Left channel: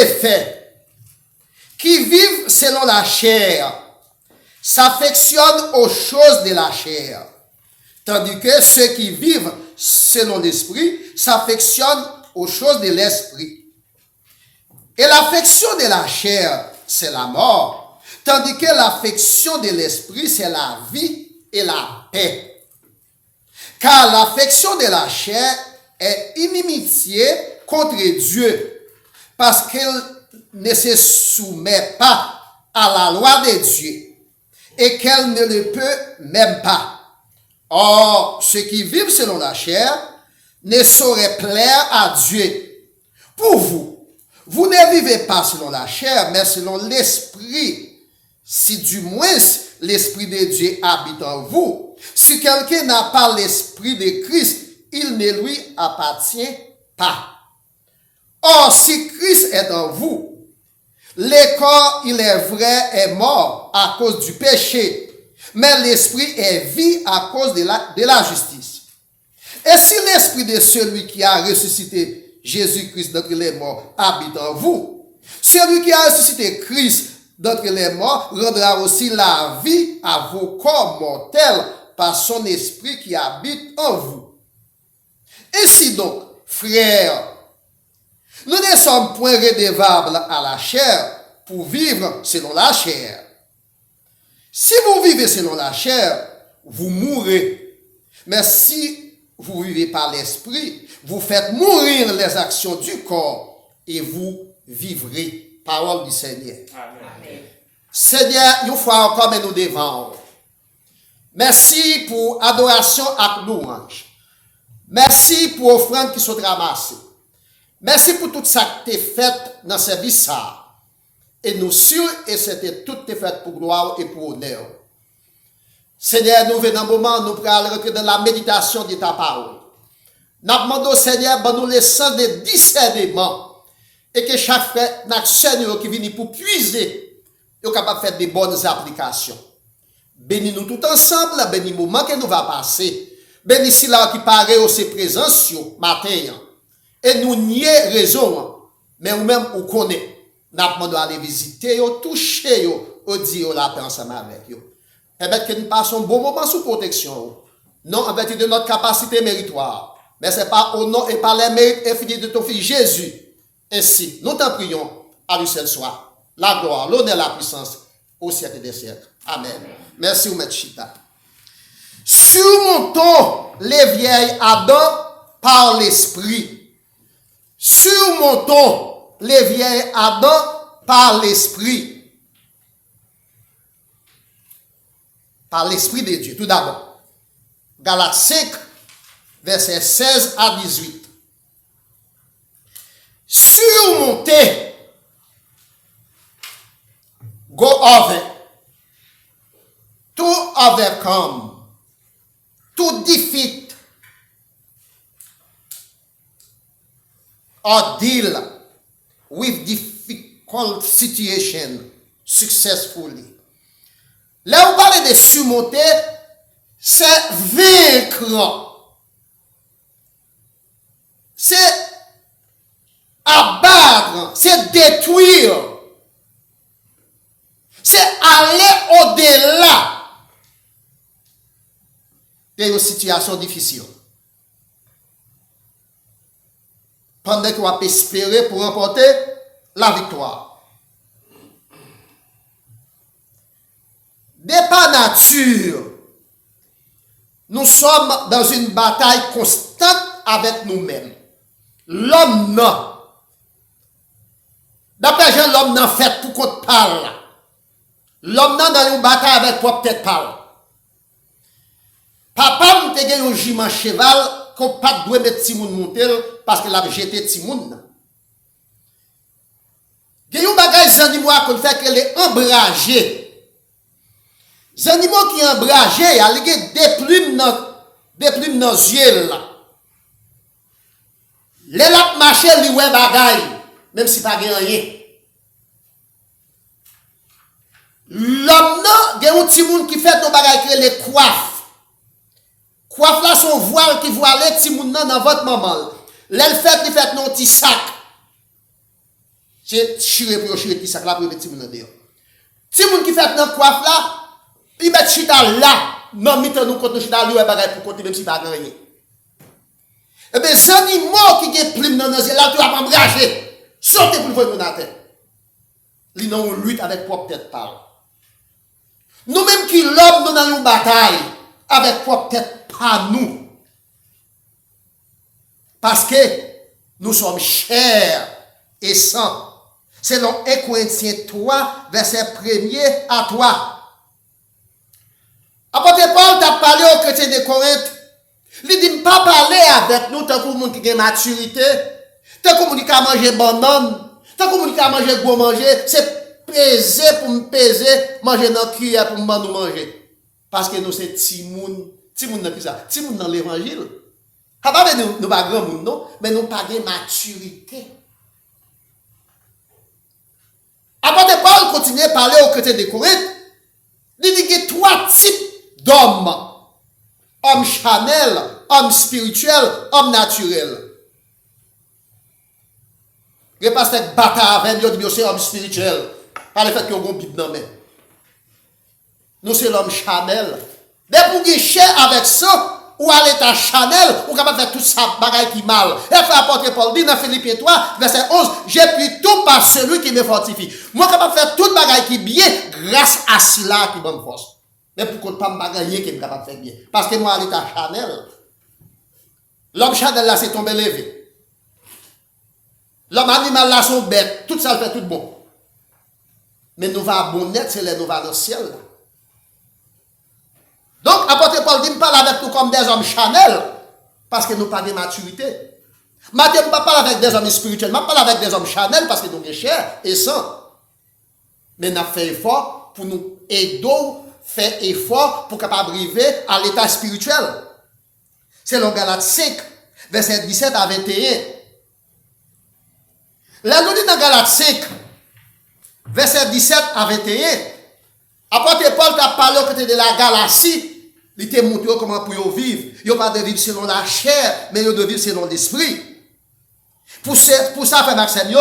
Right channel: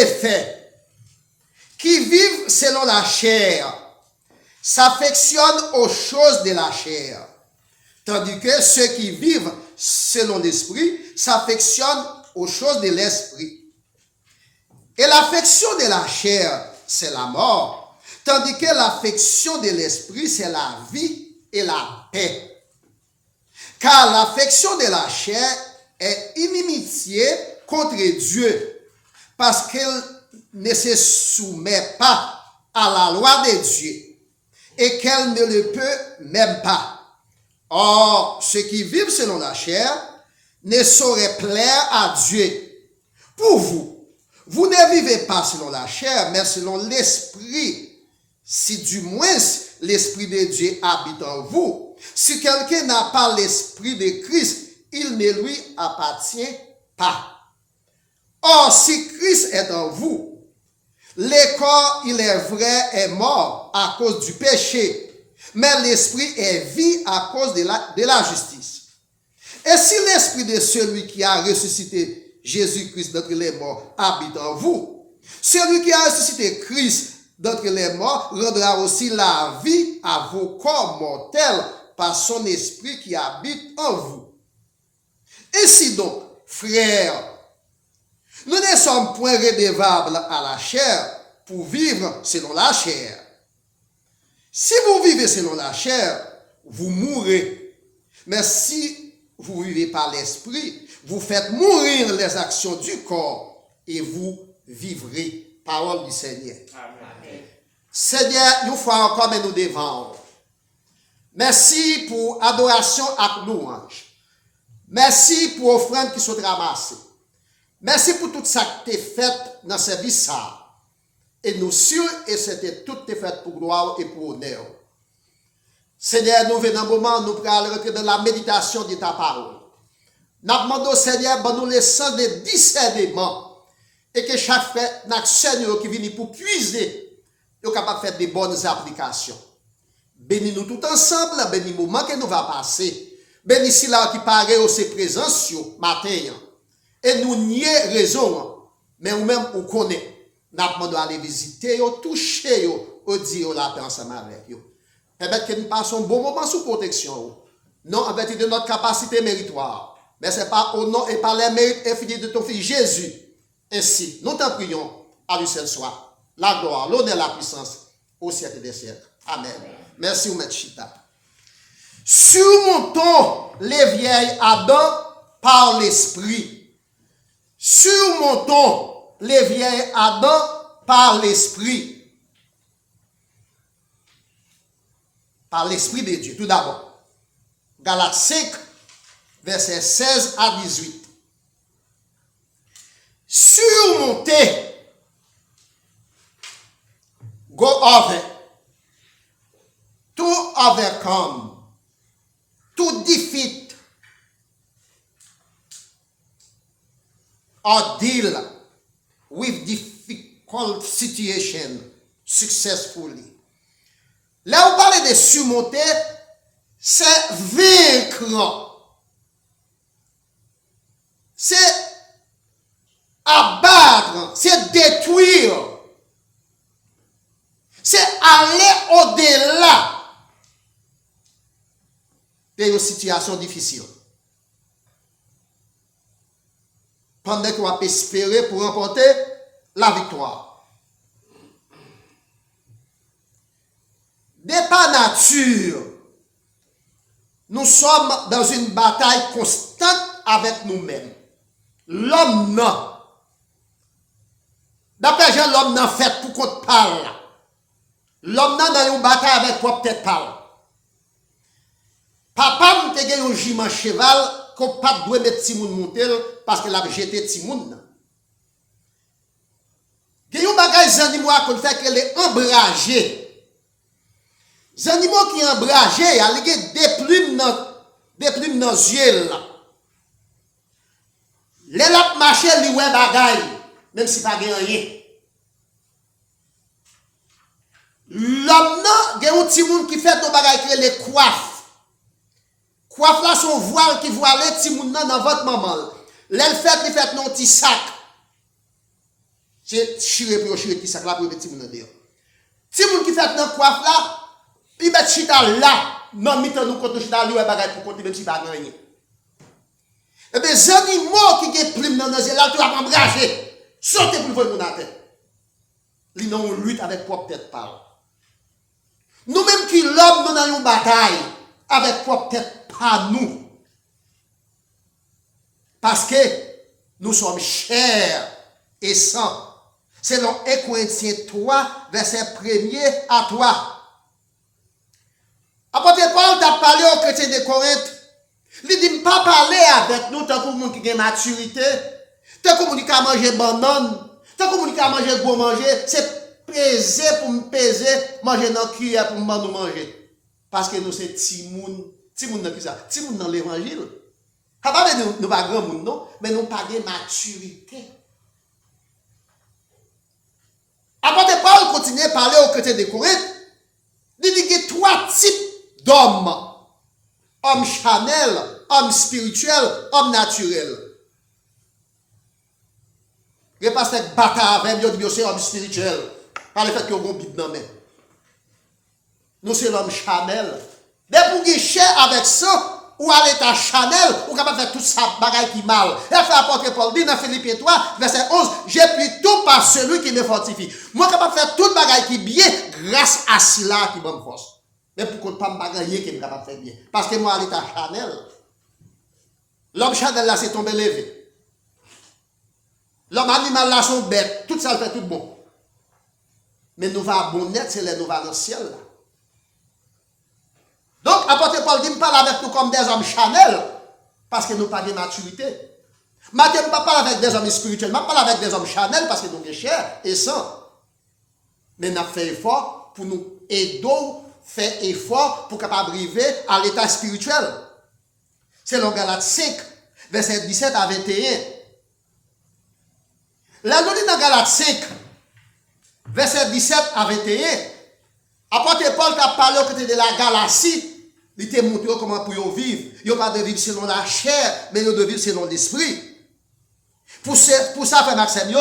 effet, qui vivent selon la chair s'affectionnent aux choses de la chair, tandis que ceux qui vivent selon l'esprit s'affectionnent aux choses de l'esprit. Et l'affection de la chair, c'est la mort, tandis que l'affection de l'esprit, c'est la vie et la paix. Car l'affection de la chair est inimitié contre Dieu, parce qu'elle ne se soumet pas à la loi de Dieu, et qu'elle ne le peut même pas. Or, ceux qui vivent selon la chair ne sauraient plaire à Dieu. Pour vous, vous ne vivez pas selon la chair, mais selon l'esprit, si du moins l'esprit de Dieu habite en vous. Si quelqu'un n'a pas l'esprit de Christ, il ne lui appartient pas. Or, si Christ est en vous, le corps, il est vrai, est mort à cause du péché, mais l'esprit est vie à cause de la justice. Et si l'esprit de celui qui a ressuscité Jésus-Christ d'entre les morts habite en vous, celui qui a ressuscité Christ d'entre les morts rendra aussi la vie à vos corps mortels par son esprit qui habite en vous. Ainsi donc, frères, nous ne sommes point redevables à la chair pour vivre selon la chair. Si vous vivez selon la chair, vous mourrez. Mais si vous vivez par l'esprit, vous faites mourir les actions du corps et vous vivrez. Parole du Seigneur. Amen. Seigneur, une fois encore, nous devant. Merci pour adoration à louange. Merci pour offrandes qui sont ramassées. Merci pour tout ça qui est fait dans ce service. Et nous sûrs, et c'était tout fait pour gloire et pour honneur. Seigneur, nous venons un moment, nous allons rentrer dans la méditation de ta parole. Nous demandons, Seigneur, nous le sens de discernement. Et que chaque frère, chaque sœur qui vient pour puiser, est capable de faire des bonnes applications. Bénis-nous tout ensemble, bénis le moment que nous va passer. Bénis si là qui paraît au ses présences, matin. Et nous nier raison, mais nous-mêmes, on connaît. Nous demandons aller visiter, toucher, dire la paix ensemble avec eux. Permettre que nous passions un bon moment sous protection. Non en vertu de notre capacité méritoire. Mais ce n'est pas au nom et par les mérites infinis de ton Fils Jésus. Ainsi, nous t'en prions, à lui seul soit la gloire, l'honneur, la puissance, au siècle des siècles. Amen. Merci, Oumètre Chita. Surmontons les vieilles Adam par l'esprit. Surmontons les vieilles Adam par l'esprit. Par l'esprit de Dieu. Tout d'abord, Galates 5, versets 16 à 18. Surmonter, go over, to overcome, to defeat, or deal with difficult situation successfully. Là où on parle de surmonter, c'est vaincre. C'est abattre, c'est détruire, c'est aller au-delà d'une situation difficile. Pendant qu'on va espérer pour remporter la victoire. De par nature, nous sommes dans une bataille constante avec nous-mêmes. L'homme non. D'après Jean, l'homme n'a fait pour qu'on parle. L'homme n'a dans une bataille avec propre tête parle. Papa m'a gagné un jument cheval qu'on pas doit mettre Timoun monter parce qu'il a jeté Timoun. Il y a un bagage d'animaux qu'on fait qu'elle est embragée. Les animaux qui sont embragés, il y a des plumes dans les yeux. Les laps marchés, ils ont un bagage. Même si pas rien. L'homme, il y a un petit monde qui fait nos bagages qui les coiffes. Coiffe là son voile qui voile les petits monde dans votre maman. L'elle fait, il fait nos petits sacs. C'est chire pour chire qui sac là pour petit moun dehors. Si moun qui fait dans coiffe là, il met chita là, non mitan nous contre chita lui bagay pour côté même si pas gagner. Et bien, les animaux qui ont plume dans nos yeux, là, tu vas m'embraser. Sautez pour voir mon tête. Ils n'ont lutte avec propre tête par. Nous-mêmes qui l'homme, nous avons une bataille avec propre tête par nous. Parce que nous sommes chers et sang. Selon 1 Corinthiens 3, verset 1er à 3. Apôtre Paul t'a parlé aux chrétiens de Corinthe. Il dit, pas parler avec nous tant que vous qui a maturité, tant que vous qui a mangé banane, tant que vous qui a mangé gros manger, c'est peser pour me peser, manger dans cuillère pour nous manger. Parce que nous c'est timoun dans qui ça? Timoun dans l'évangile. Pas nous pas grand monde non, mais nous pas de maturité. Apôtre Paul continue à parler aux chrétiens de Corinthe. Il dit qu'il y a 3 types d'hommes. Homme charnel, homme spirituel, homme naturel. Il n'y a pas cette bataille avec nous, c'est homme spirituel. Par le fait qu'il y a un Bible dans la main. Nous, c'est l'homme charnel. Mais pour que cher avec ça, ou à l'état charnel, ou capable de faire tout ça, bagaille qui mal. Et l'apôtre Paul dit dans Philippiens 3, verset 11, j'ai pris tout par celui qui me fortifie. Moi, capable de faire tout bagaille qui bien, grâce à cela qui me force. Mais pour qu'on ne pas gagner qui est capable de faire bien. Parce que moi, à l'état charnel, l'homme charnel là, c'est tombé levé. L'homme animal là, sont bêtes. Tout ça, fait tout bon. Mais nous va bon net, c'est les nous va dans le ciel. Là. Donc, apôtre Paul dit, parle avec nous comme des hommes charnels. Parce que nous n'avons pas de maturité. Maintenant, je ne parle avec des hommes spirituels. Je parle avec des hommes charnels parce que nous sommes chers et saints. Mais nous avons fait effort pour nous aider. Fait effort pour capable arriver à l'état spirituel. C'est le Galates 5, verset 17 à 21. Là, nous dit dans Galates 5, verset 17 à 21, apôtre Paul t'a parlé au côté de la Galatie, il t'a montré comment pour vivre. Il n'y a pas de vivre selon la chair, mais il y a de vivre selon l'esprit. Pour ça, frère Maxime,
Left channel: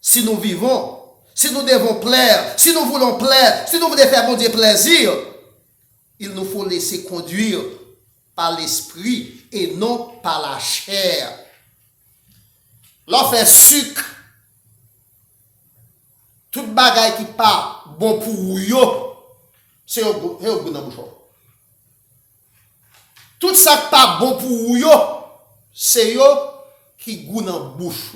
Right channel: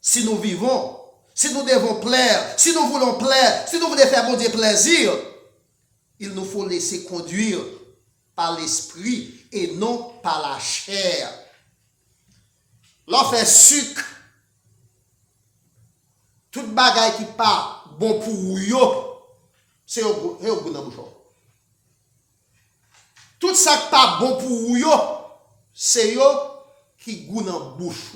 si nous vivons, si nous devons plaire, si nous voulons plaire, si nous voulons faire bon Dieu plaisir, il nous faut laisser conduire par l'esprit et non par la chair. L'on fait sucre, toute bagaille qui pas bon pour vous, c'est au bout dans le bouchon. Tout ça qui pas bon pour vous, c'est yo qui goûte dans la bouche.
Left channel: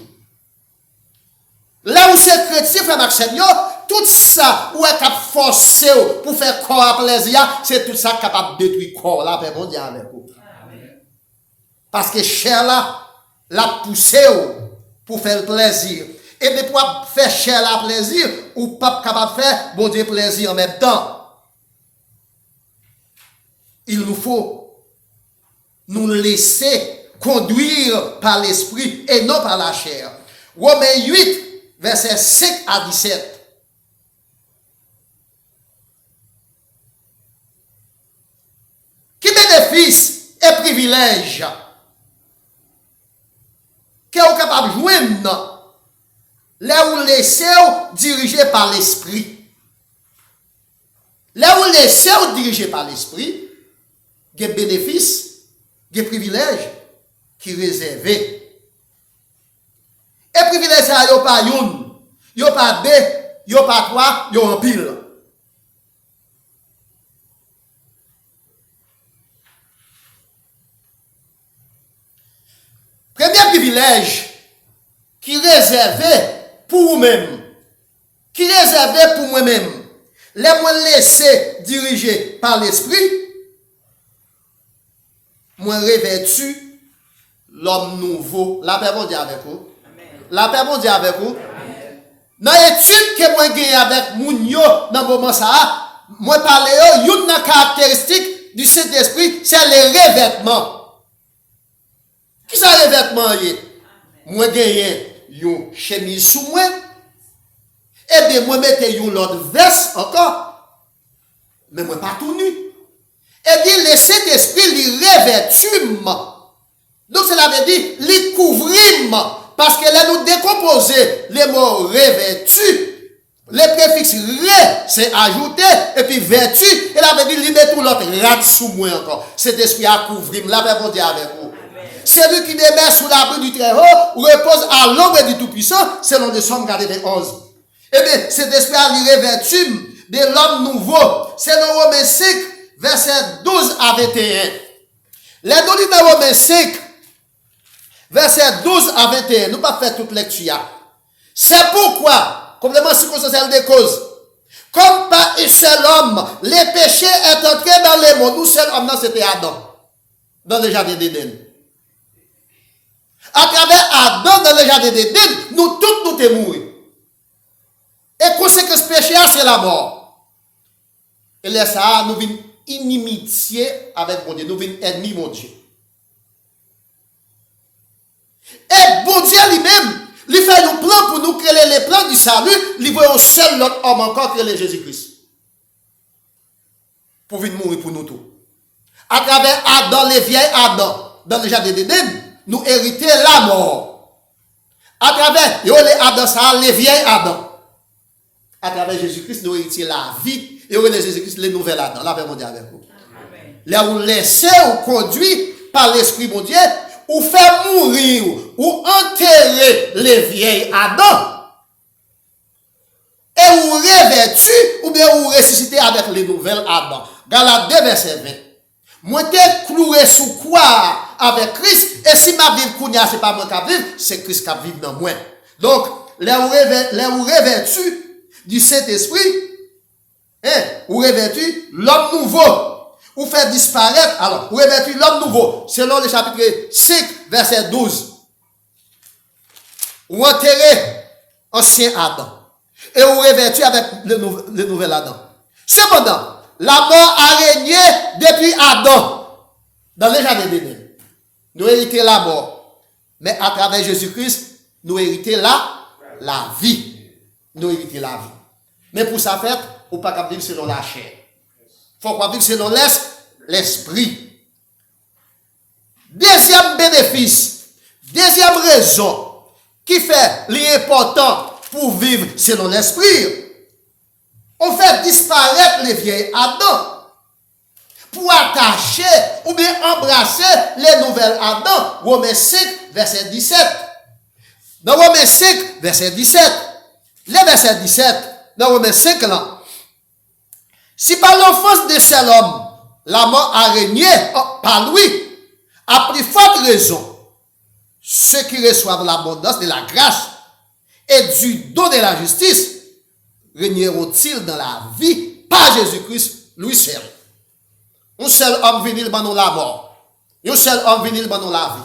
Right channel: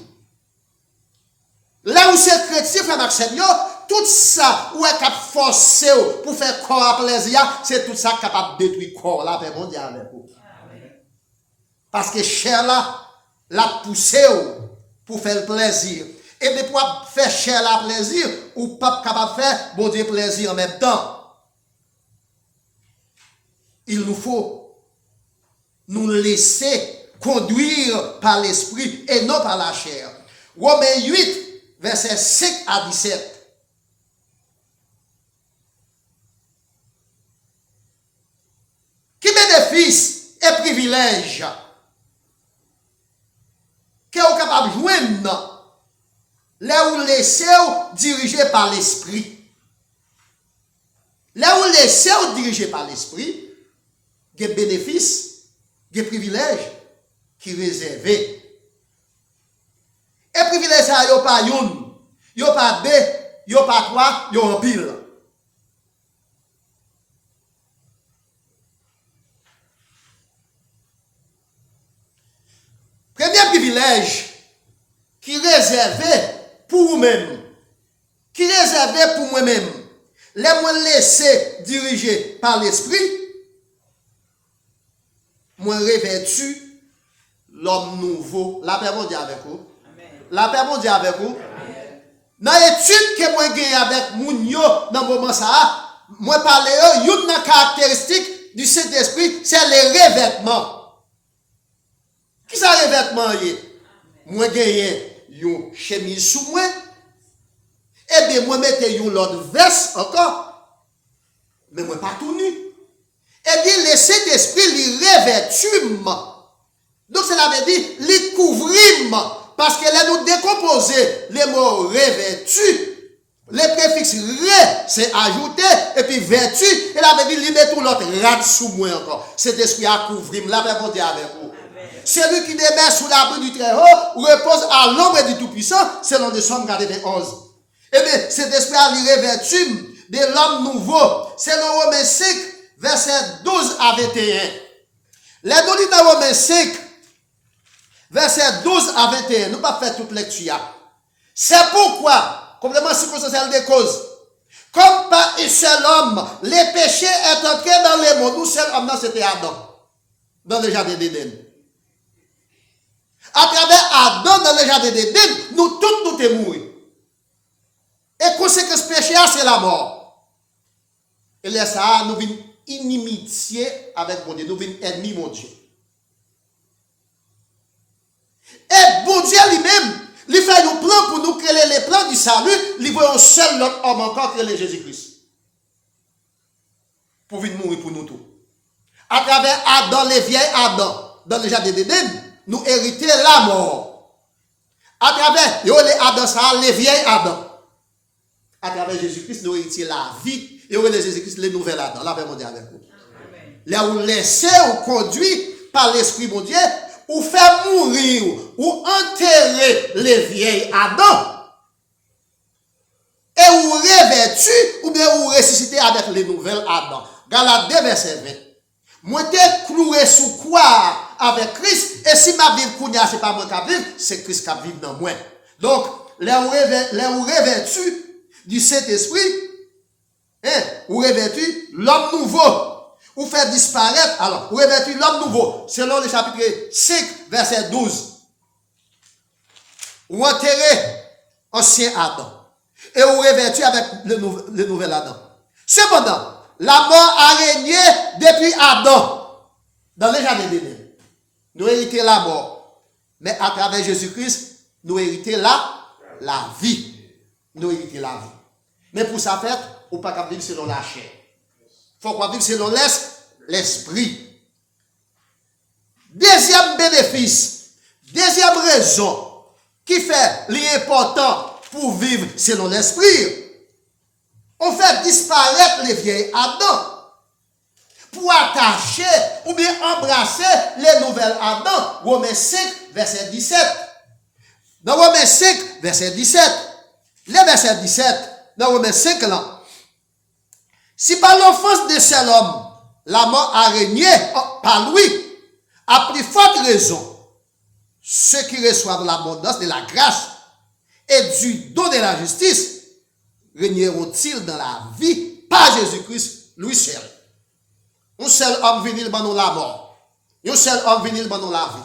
Là où c'est chrétien, frère Maxime, tout ça, où est capable de forcer pour faire corps à plaisir, c'est tout ça capable de détruire corps là, avec mon Dieu avec vous. Parce que chair là, la poussé pour faire le plaisir. Et de pour faire chair la plaisir, ou pas capable de faire bon Dieu plaisir en même temps. Il nous faut nous laisser conduire par l'esprit et non par la chair. Romains 8, verset 5 à 17. Qui bénéfice et privilège que vous capable de joindre là où laissez dirigé par l'esprit. Là où laissez dirigé par l'esprit, il y a des bénéfices, des privilèges qui sont réservés. Et privilèges, il n'y a pas une, il n'y a pas deux, il n'y a pas trois, il y a un pile. Premier privilège qui est réservé pour vous-même, qui est réservé pour moi-même, les moi laisser diriger par l'esprit, moi revêtu l'homme nouveau. La paix bon Dieu avec vous. La paix bon Dieu avec vous. Dans l'étude que moi gagne avec Mounio dans le moment ça, moi parler une caractéristique du Saint-Esprit, c'est le revêtement. Qui ça revêtement est? Moi gagne une chemise sous moi. Et bien moi mette une l'autre veste encore. Mais moi pas tout nu. Et bien le Saint-Esprit lui revêtu. Donc cela veut dire lui couvrir parce que là nous décomposer les mots revêtu, les préfixes ré, c'est ajouté, et puis vertu, et là, veut dire, il met tout l'autre rad sous moi encore. Cet esprit a couvrir, la paix bon Dieu avec vous. Celui qui demeure sous l'abri du Très-Haut repose à l'ombre du Tout-Puissant, selon le Somme 91. Eh bien, cet esprit a revêtu de l'homme nouveau. C'est dans Romains 5, verset 12 à 21. Les données dans Romains 5, verset 12 à 21, nous pas faire toute lecture. C'est pourquoi, complément circonstanciel des causes, comme par un seul homme, les péchés est entré dans les mondes. Nous seul homme, c'était Adam, dans le jardin d'Éden. À travers Adam, dans le jardin d'Éden, nous tous nous sommes morts. Et conséquence péché, c'est la mort. Et là, ça, nous venons inimitié avec mon Dieu, nous venons ennemis, mon Dieu. Et bon Dieu lui-même, il fait un plan pour nous créer les plans du salut, il voit un seul autre homme encore créé Jésus-Christ. Pour venir mourir pour nous tous. À travers Adam, les vieilles Adam, dans le jardin d'Éden, nous héritons la mort. À travers les Adam, ça, les vieilles Adam. À travers Jésus-Christ, nous héritons la vie. Et les Jésus-Christ, les nouvelles Adam. La paix mondiale avec vous. Là où laissez ou conduit par l'Esprit mon Dieu, ou faire mourir, ou enterrer les vieilles Adam, et ou revêtu, ou bien ou ressusciter avec les nouvelles Adam. Galates 2, verset 20. Moi, t'es cloué sous quoi avec Christ, et si ma vie kounya, c'est pas moi qui vive, c'est Christ qui vive dans moi. Donc, les ou revêtu du Saint-Esprit, ou revêtu l'homme nouveau. Ou faire disparaître, alors, ou revêtu l'homme nouveau, selon le chapitre 5, verset 12. Ou enterrer ancien Adam. Et ou revêtu avec le nouvel Adam. Cependant, la mort a régné depuis Adam, dans le jardin d'Éden. Nous héritons la mort. Mais à travers Jésus-Christ, nous héritons la vie. Nous héritons la vie. Mais pour ça faire, on ne peut pas vivre selon la chair. Il faut qu'on vive selon l'esprit. Deuxième bénéfice, deuxième raison qui fait l'important pour vivre selon l'esprit, on fait disparaître les vieilles Adam pour attacher ou bien embrasser les nouvelles Adam. Romains 5, verset 17. Dans Romains 5, verset 17, le verset 17, dans Romains 5 là, si par l'offense de seul homme, la mort a régné par lui, à plus forte raison, ceux qui reçoivent l'abondance de la grâce et du don de la justice, régneront-ils dans la vie par Jésus-Christ, lui seul. Un seul homme venu dans la mort. Un seul homme venu dans la vie.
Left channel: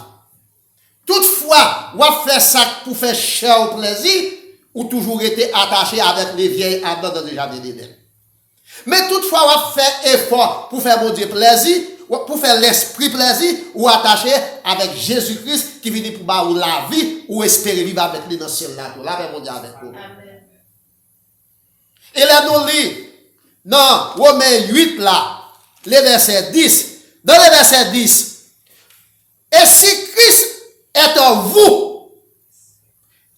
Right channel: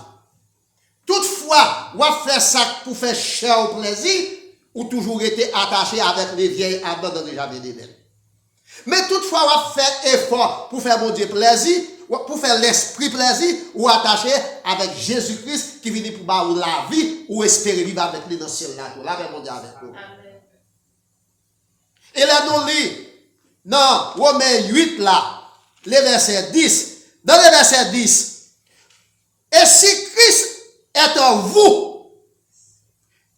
Toutefois, on fait ça pour faire cher au plaisir, ou toujours été attaché avec les vieilles Adam dans le jardin d'Éden. Mais toutefois, on fait effort pour faire mon Dieu plaisir, pour faire l'esprit plaisir, ou attaché avec Jésus-Christ qui vient pour bas la vie, ou espérer vivre avec lui dans le ciel là. Là, mon Dieu avec vous. Et là, nous lisons dans Romains 8 là, le verset 10. Dans le verset 10, et si Christ est en vous,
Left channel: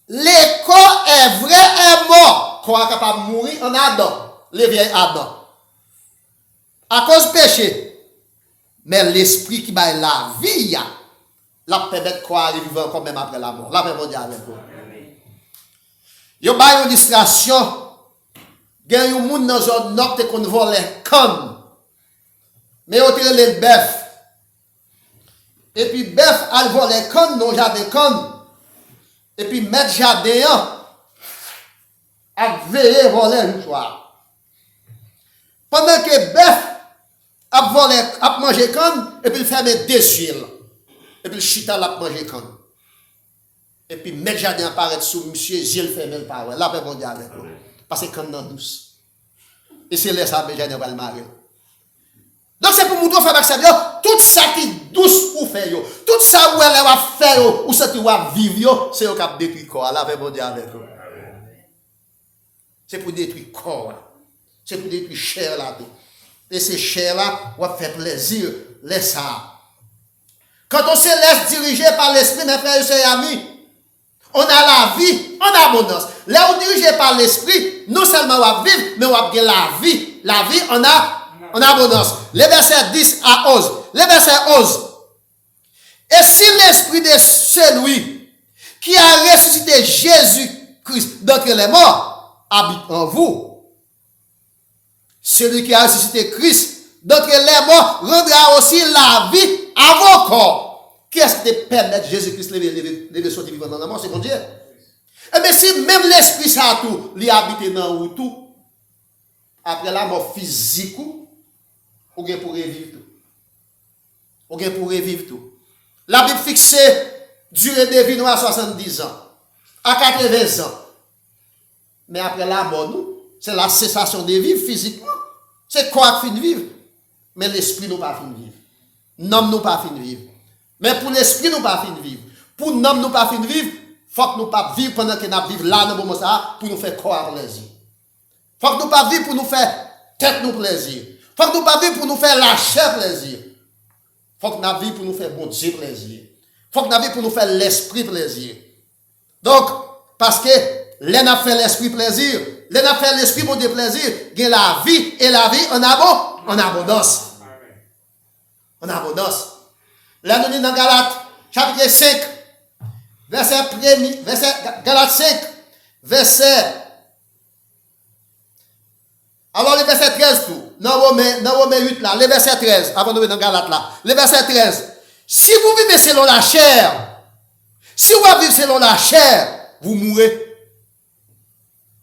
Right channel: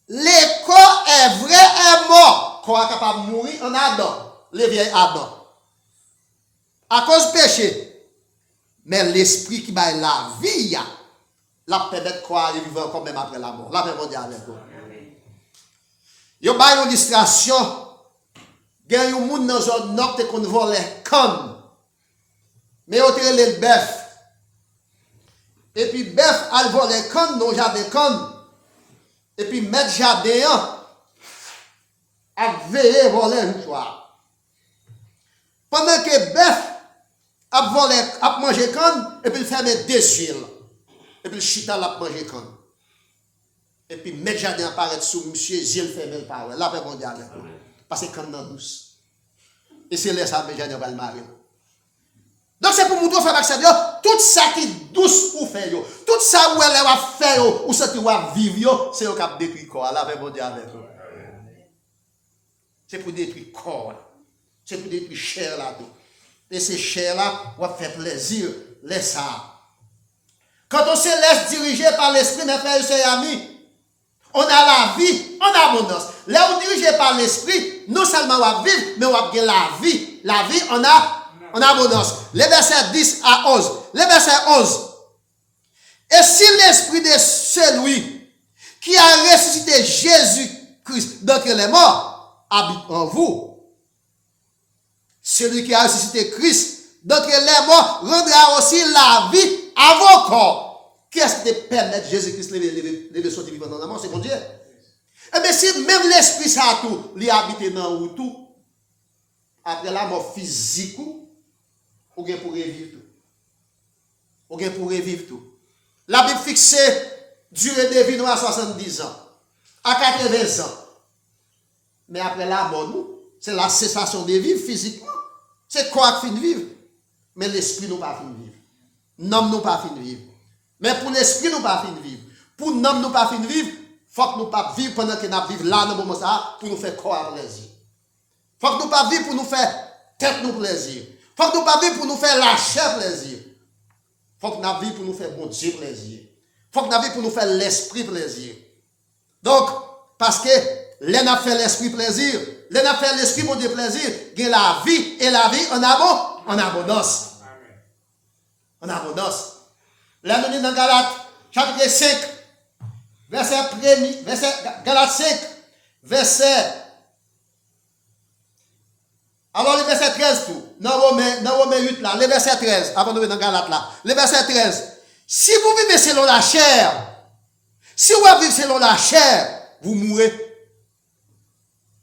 le corps est vrai et mort. Corps est capable de mourir en Adam, les vieilles Adam. À cause du péché. Mais l'esprit qui va la vie, la permet de croire et vivre encore même après la mort. La paix mondiale avec vous. Il y a une illustration. Il y a un monde dans une nord qu'on vole comme. Mais on tire le bœuf. Et puis bœuf a volé comme dans le jardin comme. Et puis mettre jardin a veillé voler une soir. Pendant que bœuf a volé, a mangé comme, et puis il ferme des yeux. Et puis le chita l'a mangé comme. Et puis mettre jardin apparaît sous monsieur, yeux fermés le parole. La paix mondiale avec vous. Parce que comme dans douce. Et c'est là ça, mais jardin va le marier. Donc c'est pour vous faire accéder, tout ça qui est douce pour faire, tout ça où elle va faire, ou ça qui va vivre, c'est au cap détruire corps. La paix mondiale avec vous. C'est pour détruire corps. C'est pour détruire chair là. Et ces chairs-là, on va faire plaisir, laisse ça. Quand on se laisse diriger par l'esprit, mes frères et amis, on a la vie en abondance. Là où dirigé par l'esprit, non seulement on va vivre, mais on va gagner la vie en abondance. Les versets 10 à 11. Les versets 11. Et si l'esprit de celui qui a ressuscité Jésus-Christ d'entre les morts habite en vous, celui qui a ressuscité Christ d'entre les morts rendra aussi la vie à vos corps. Qui est-ce qui te permet de Jésus-Christ de sortir vivant dans la mort? C'est mon Dieu. Eh bien, si même l'esprit ça tout, lui habite dans vous tout, après la mort physique, ou bien pour revivre tout. Ou bien pour revivre tout. La Bible fixe durée de vie à 70 ans, à 80 ans. Mais après la mort, nous, c'est la cessation de vivre physiquement. C'est quoi qui finit vivre? Mais l'esprit nous pas fini vivre. L'homme nous pas fini vivre. Mais pour l'esprit nous pas fini vivre. Pour l'homme nous pas fini vivre, faut que nous pas vivre pendant que nous vivons là dans le moment ça pour nous faire corps plaisir. Faut que nous pas vivre pour nous faire tête nous plaisir. Faut que nous pas vivre pour nous faire la chair plaisir. Faut que nous vivre pour nous faire bon Dieu plaisir. Faut que nous vivre pour nous faire l'esprit plaisir. Donc parce que l'on fait l'esprit plaisir, l'on fait l'esprit bon Dieu plaisir, gagne la vie et la vie en abondance. En abondance. Là, nous sommes dans Galates, chapitre 5, Galates 5, verset. Alors, le verset 13, tout. Dans Romains 8, là, le verset 13, avant de venir dans Galates, là. Le verset 13. Si vous vivez selon la chair, si vous vivez selon la chair, vous mourrez.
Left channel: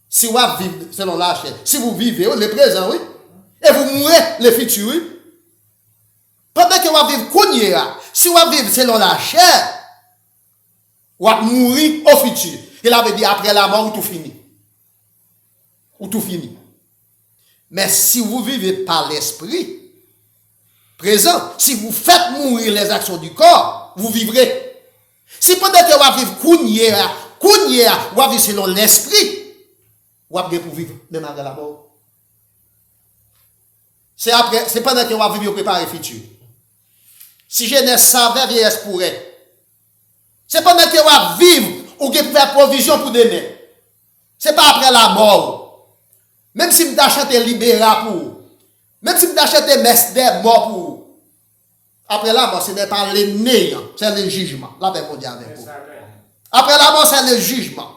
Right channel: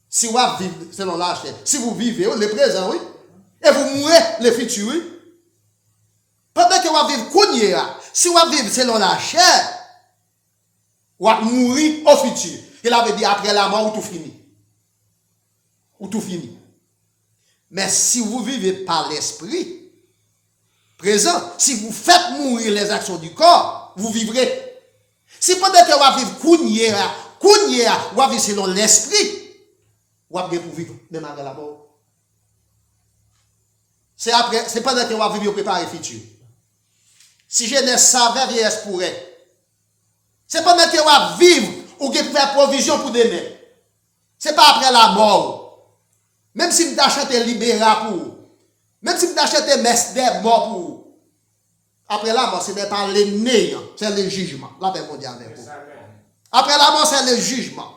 Si vous vivez selon la chair, si vous vivez, le présent, oui, et vous mourrez, le futur, oui. Pendant que vous vivez cogné, si vous vivez selon la chair, vous mourir au futur. Il avait dit après la mort, tout fini. Ou tout fini. Mais si vous vivez par l'esprit présent, si vous faites mourir les actions du corps, vous vivrez. Si pendant que vous vivez cogné, vous vivez selon l'esprit, vous avez pour vivre même après la mort. C'est pendant que vous vivez préparer le futur. Si jeunesse savait, vieillesse pourrait. C'est pendant que vous vivre ou que vous faire provision pour demain. C'est pas après la mort. Même si vous achetez libéra pour. Même si vous achetez messe des morts pour. Après la mort, ce n'est pas le néant, c'est le jugement. La paix mondiale avec vous. Après la mort, c'est le jugement.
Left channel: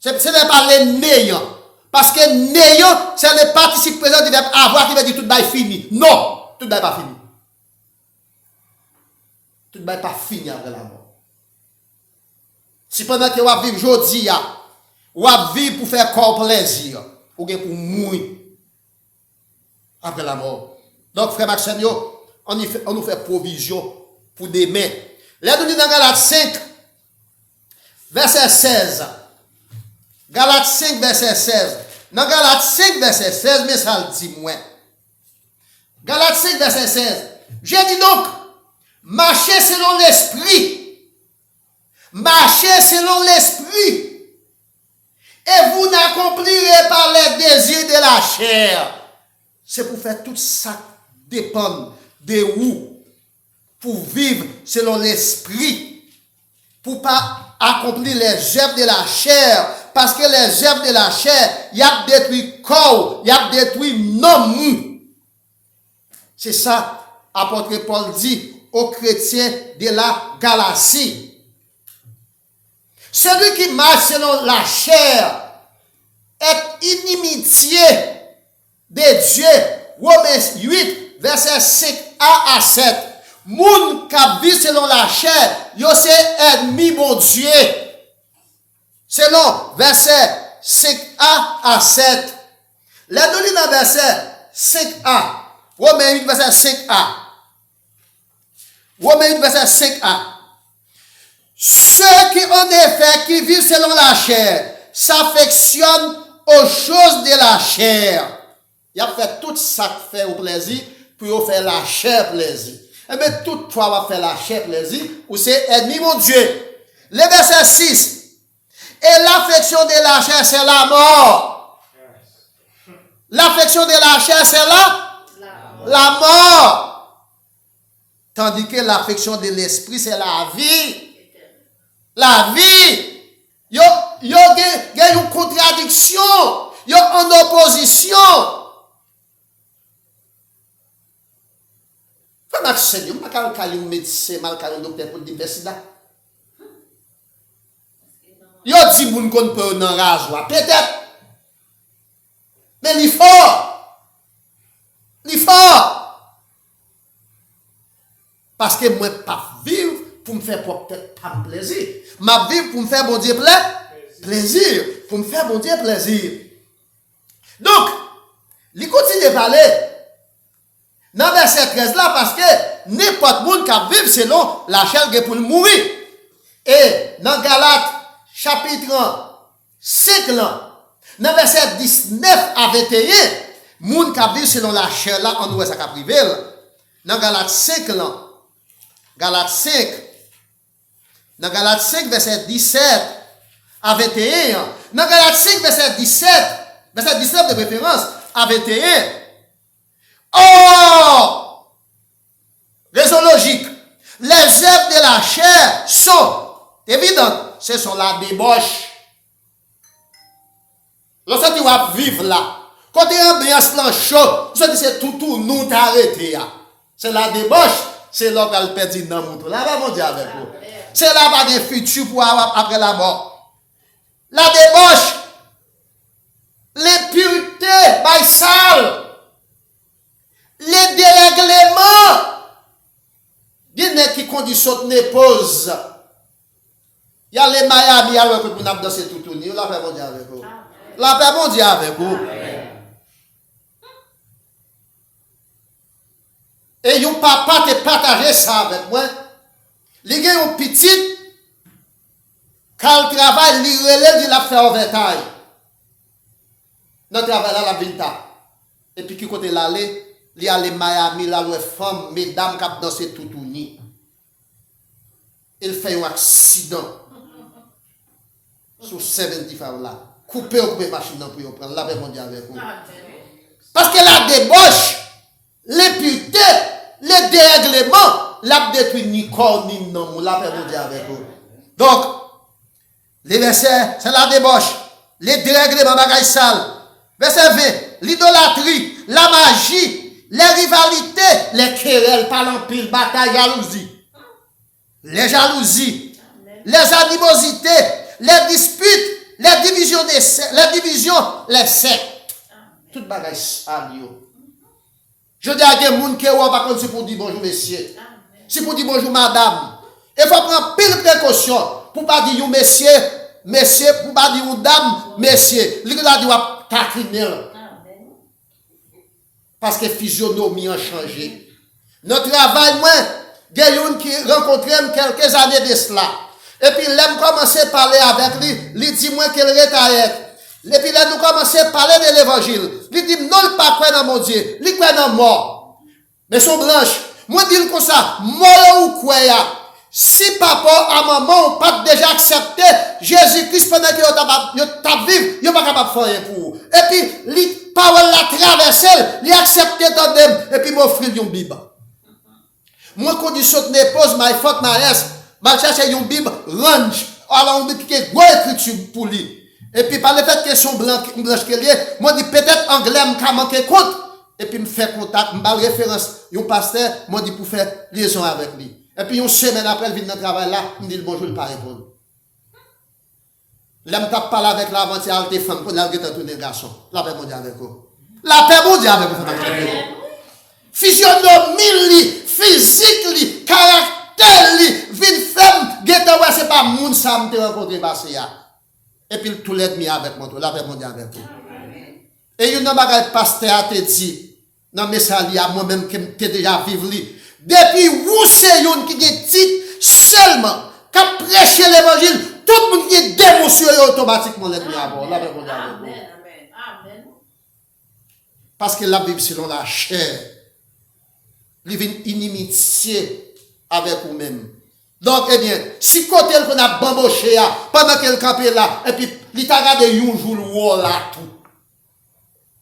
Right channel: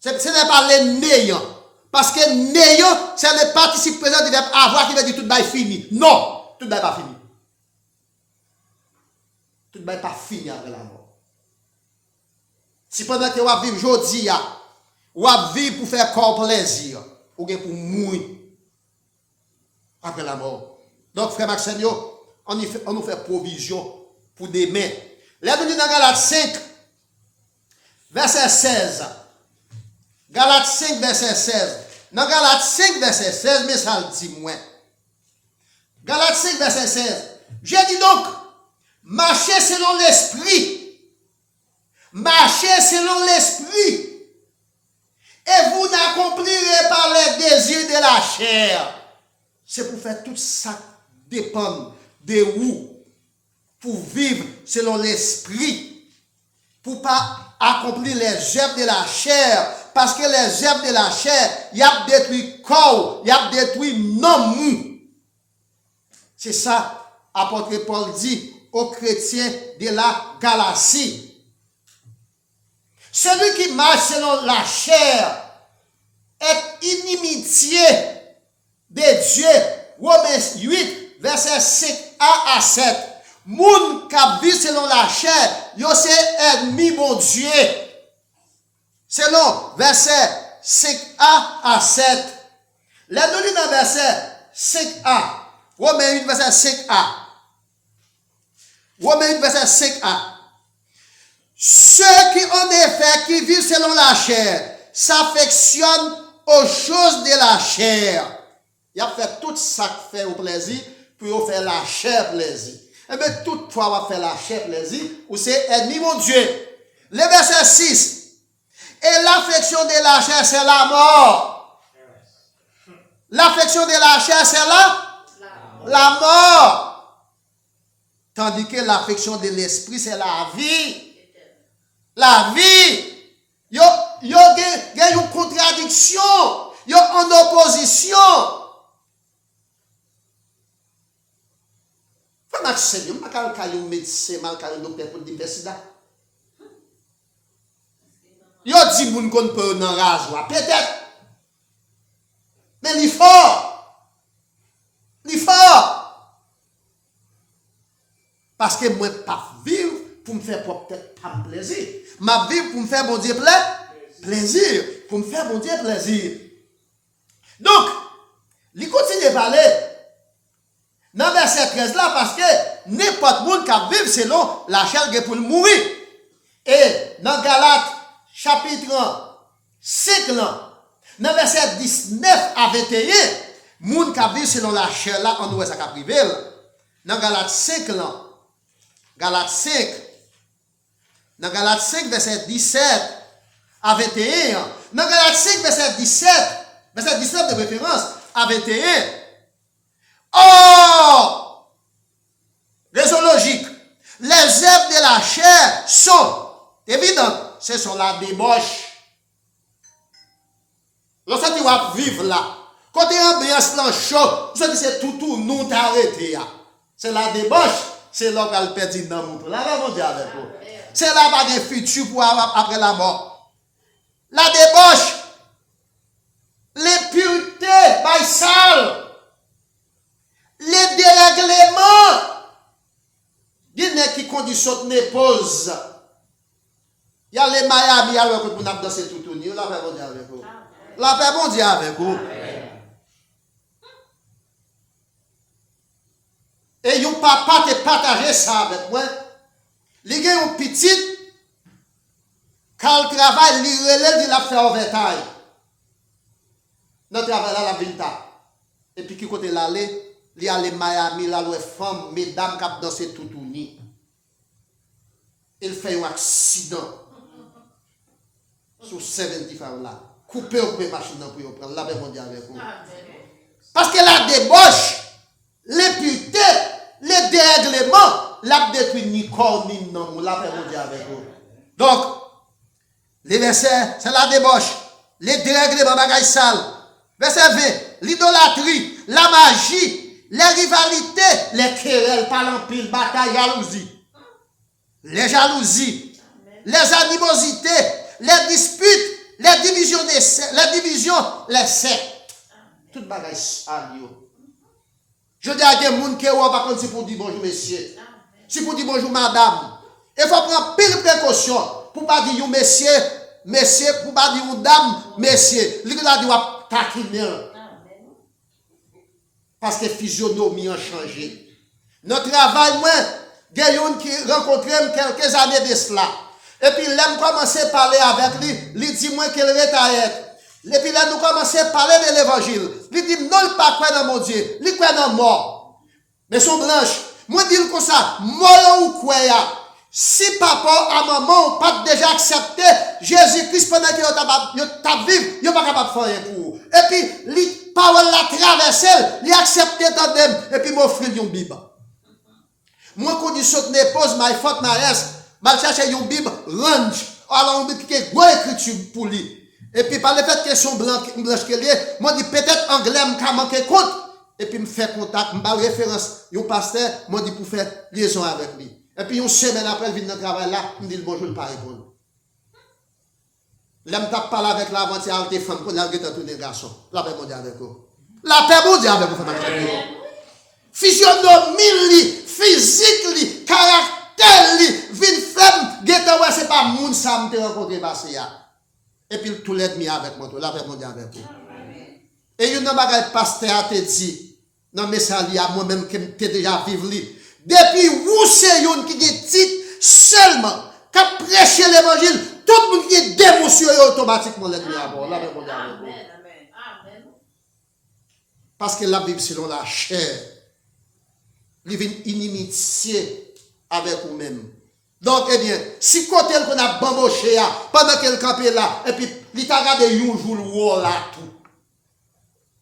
Ce n'est pas le néant. Parce que néant, c'est le participe présent du verbe avoir qui veut dire tout est fini. Non, tout n'est pas fini. Tout n'est pas fini après la mort. Si pendant que vous vivez aujourd'hui, vous vivez pour faire corps plaisir, ou bien pour mourir après la mort. Donc, frère Maxime, on nous fait provision pour demain. Là, nous disons dans Galates 5, verset 16. Galates 5, verset 16. Dans Galates 5, verset 16, mais ça le dit moins. Galates 5, verset 16. Je dis donc, marchez selon l'esprit. Marchez selon l'esprit. Et vous n'accomplirez pas les désirs de la chair. C'est pour faire tout ça dépend de vous. Pour vivre selon l'esprit. Pour pas accomplir les œuvres de la chair. Parce que les œuvres de la chair, il y a détruit le corps, il y a détruit l'homme. C'est ça, apôtre Paul dit aux chrétiens de la Galatie. Celui qui marche selon la chair est inimitié de Dieu. Romains 8, verset 5a à 7. Moun qui vit selon la chair, yo c'est ennemi mon Dieu. Selon verset 5a à 7. Les données dans verset 5a. Romains 8, verset 5a. Romains 8, verset 5a. Ceux qui en effet qui vivent selon la chair s'affectionnent aux choses de la chair. Il a fait tout ça qui fait au plaisir pour faire la chair plaisir. Et bien toutefois, on va faire la chair plaisir ou c'est ennemi mon Dieu. Le verset 6. Et l'affection de la chair, c'est la mort. L'affection de la chair, c'est la mort. Tandis que l'affection de l'esprit, c'est la vie. La vie. Yo gen une contradiction, yo en opposition. Faut m'accepter, pas quand un médecin, mal quand un docteur pour dire sida. Yo dit moun kon peut nan rasoir, peut-être. Mais il fort. Parce que moi pas vivre pour me faire peut-être pas plaisir. Ma vivre pour me faire bon Dieu plaisir, pour me faire bon Dieu plaisir. Donc, il continue de parler dans verset 13 là parce que n'importe monde qui vivre selon la chair pour mourir. Et dans Galates chapitre 5 là, dans verset 19 à 21, monde qui vivre selon la chair là, on voit ça qui privé. Dans Galates 5 là, Galates 5, verset 17 à 21. Dans Galates 5, verset 19 de préférence à 21. Oh! Raison logique. Les œuvres de la chair sont évidentes. Ce sont la débauche. Lorsque tu vas vivre là, quand tu es ambiance là chaud, c'est tout nous t'arrêter. C'est la débauche. C'est là qu'elle perd dans mon tour. Là, va mon Dieu avec vous. C'est là qu'il y a un futur pour après la mort. La débauche, l'impureté, by sale, les dérèglements, il y a qui conditionne les pauses. Il y a les Miami, il y a le pour nous danser tout le temps. La paix mon Dieu avec vous. La paix mon Dieu avec vous. Et yon papa te partage ça avec moi. Li gen yon petit, quand il travaille, li relève, il a fait overtime. Dans le travail là, la vilta. Et puis, qui côté l'aller, li allé Miami, là, où femme, mesdames, qui ont dansé tout ni. Il fait un accident. Sur 75 là. Coupé au machine pour yon prendre. La paix mondiale avec vous. Parce que la débauche, l'impureté, les dérèglements, la détruit ni corps ni non, la paix mondiale avec vous. Donc, les versets, c'est la débauche, les dérèglements, bagaille sale. Verset 20, l'idolâtrie, la magie, les rivalités, les querelles, parlant pile, bataille, jalousie. Les jalousies, les animosités, les disputes, les divisions, les sectes. Tout bagaille sale, yo. Je dis à des gens qui ont pas c'est pour dire bonjour monsieur. C'est pour dire bonjour madame. Il faut prendre pile précaution pour pas dire monsieur, pour pas dire dame, monsieur. Il a dit taquiner. Parce que physionomie a changé. Notre travail, moi, il y a une qui rencontré quelques années de cela. Et puis, l'aime commencer à parler avec lui, il dit moi qu'elle retaille. Et puis là, nous commençons à parler de l'évangile. Il dit, non, il pas croire dans mon Dieu. Il croit dans mort. Mais son blanche, moi, dis comme ça, mort ou quoi, si papa à maman pas déjà accepté Jésus-Christ pendant que tu vivre, il pas capable de faire pour vous. Et puis, les paroles la traversé, il accepté dans dem, et puis m'offrir une Bible. Moi, quand je saute mes poses, my fuck my ass, ma cherche une Bible, range. Alors, on dit qu'il y a une grosse écriture pour lui. Et puis, par le fait que son blanche qu'elle est, moi, dis peut-être anglais, m'a manqué compte. Et puis, me fait contact, me parle référence, un pasteur, moi, dis pour faire liaison avec lui. Et puis, une semaine après, il vient dans le travail là, il me dit bonjour, il ne pas répondre. Là, je parle avec l'avant-hier, des femmes, pour la guetter tous les garçons. La paix mondiale avec vous. La paix mondiale avec vous. Physionomie, physique, caractère, vie femme, guetter, c'est pas moun ça, me rencontré passé là. Et puis, tout l'ennemi avec moi, la paix mondiale avec vous. Et il y a un pasteur a dit, dans le message, moi-même, qui m'ai déjà vécu, depuis où c'est yon qui est dit seulement, qui a prêché l'évangile, tout le monde qui est démontré automatiquement l'ennemi à bord. La paix mondiale avec vous. Parce que la Bible, selon la chair, il y a une inimitié avec vous-même. Donc, eh bien, si côté qu'on a bamboché pendant qu'elle campait là, et puis, il t'a regardé un jour là, tout.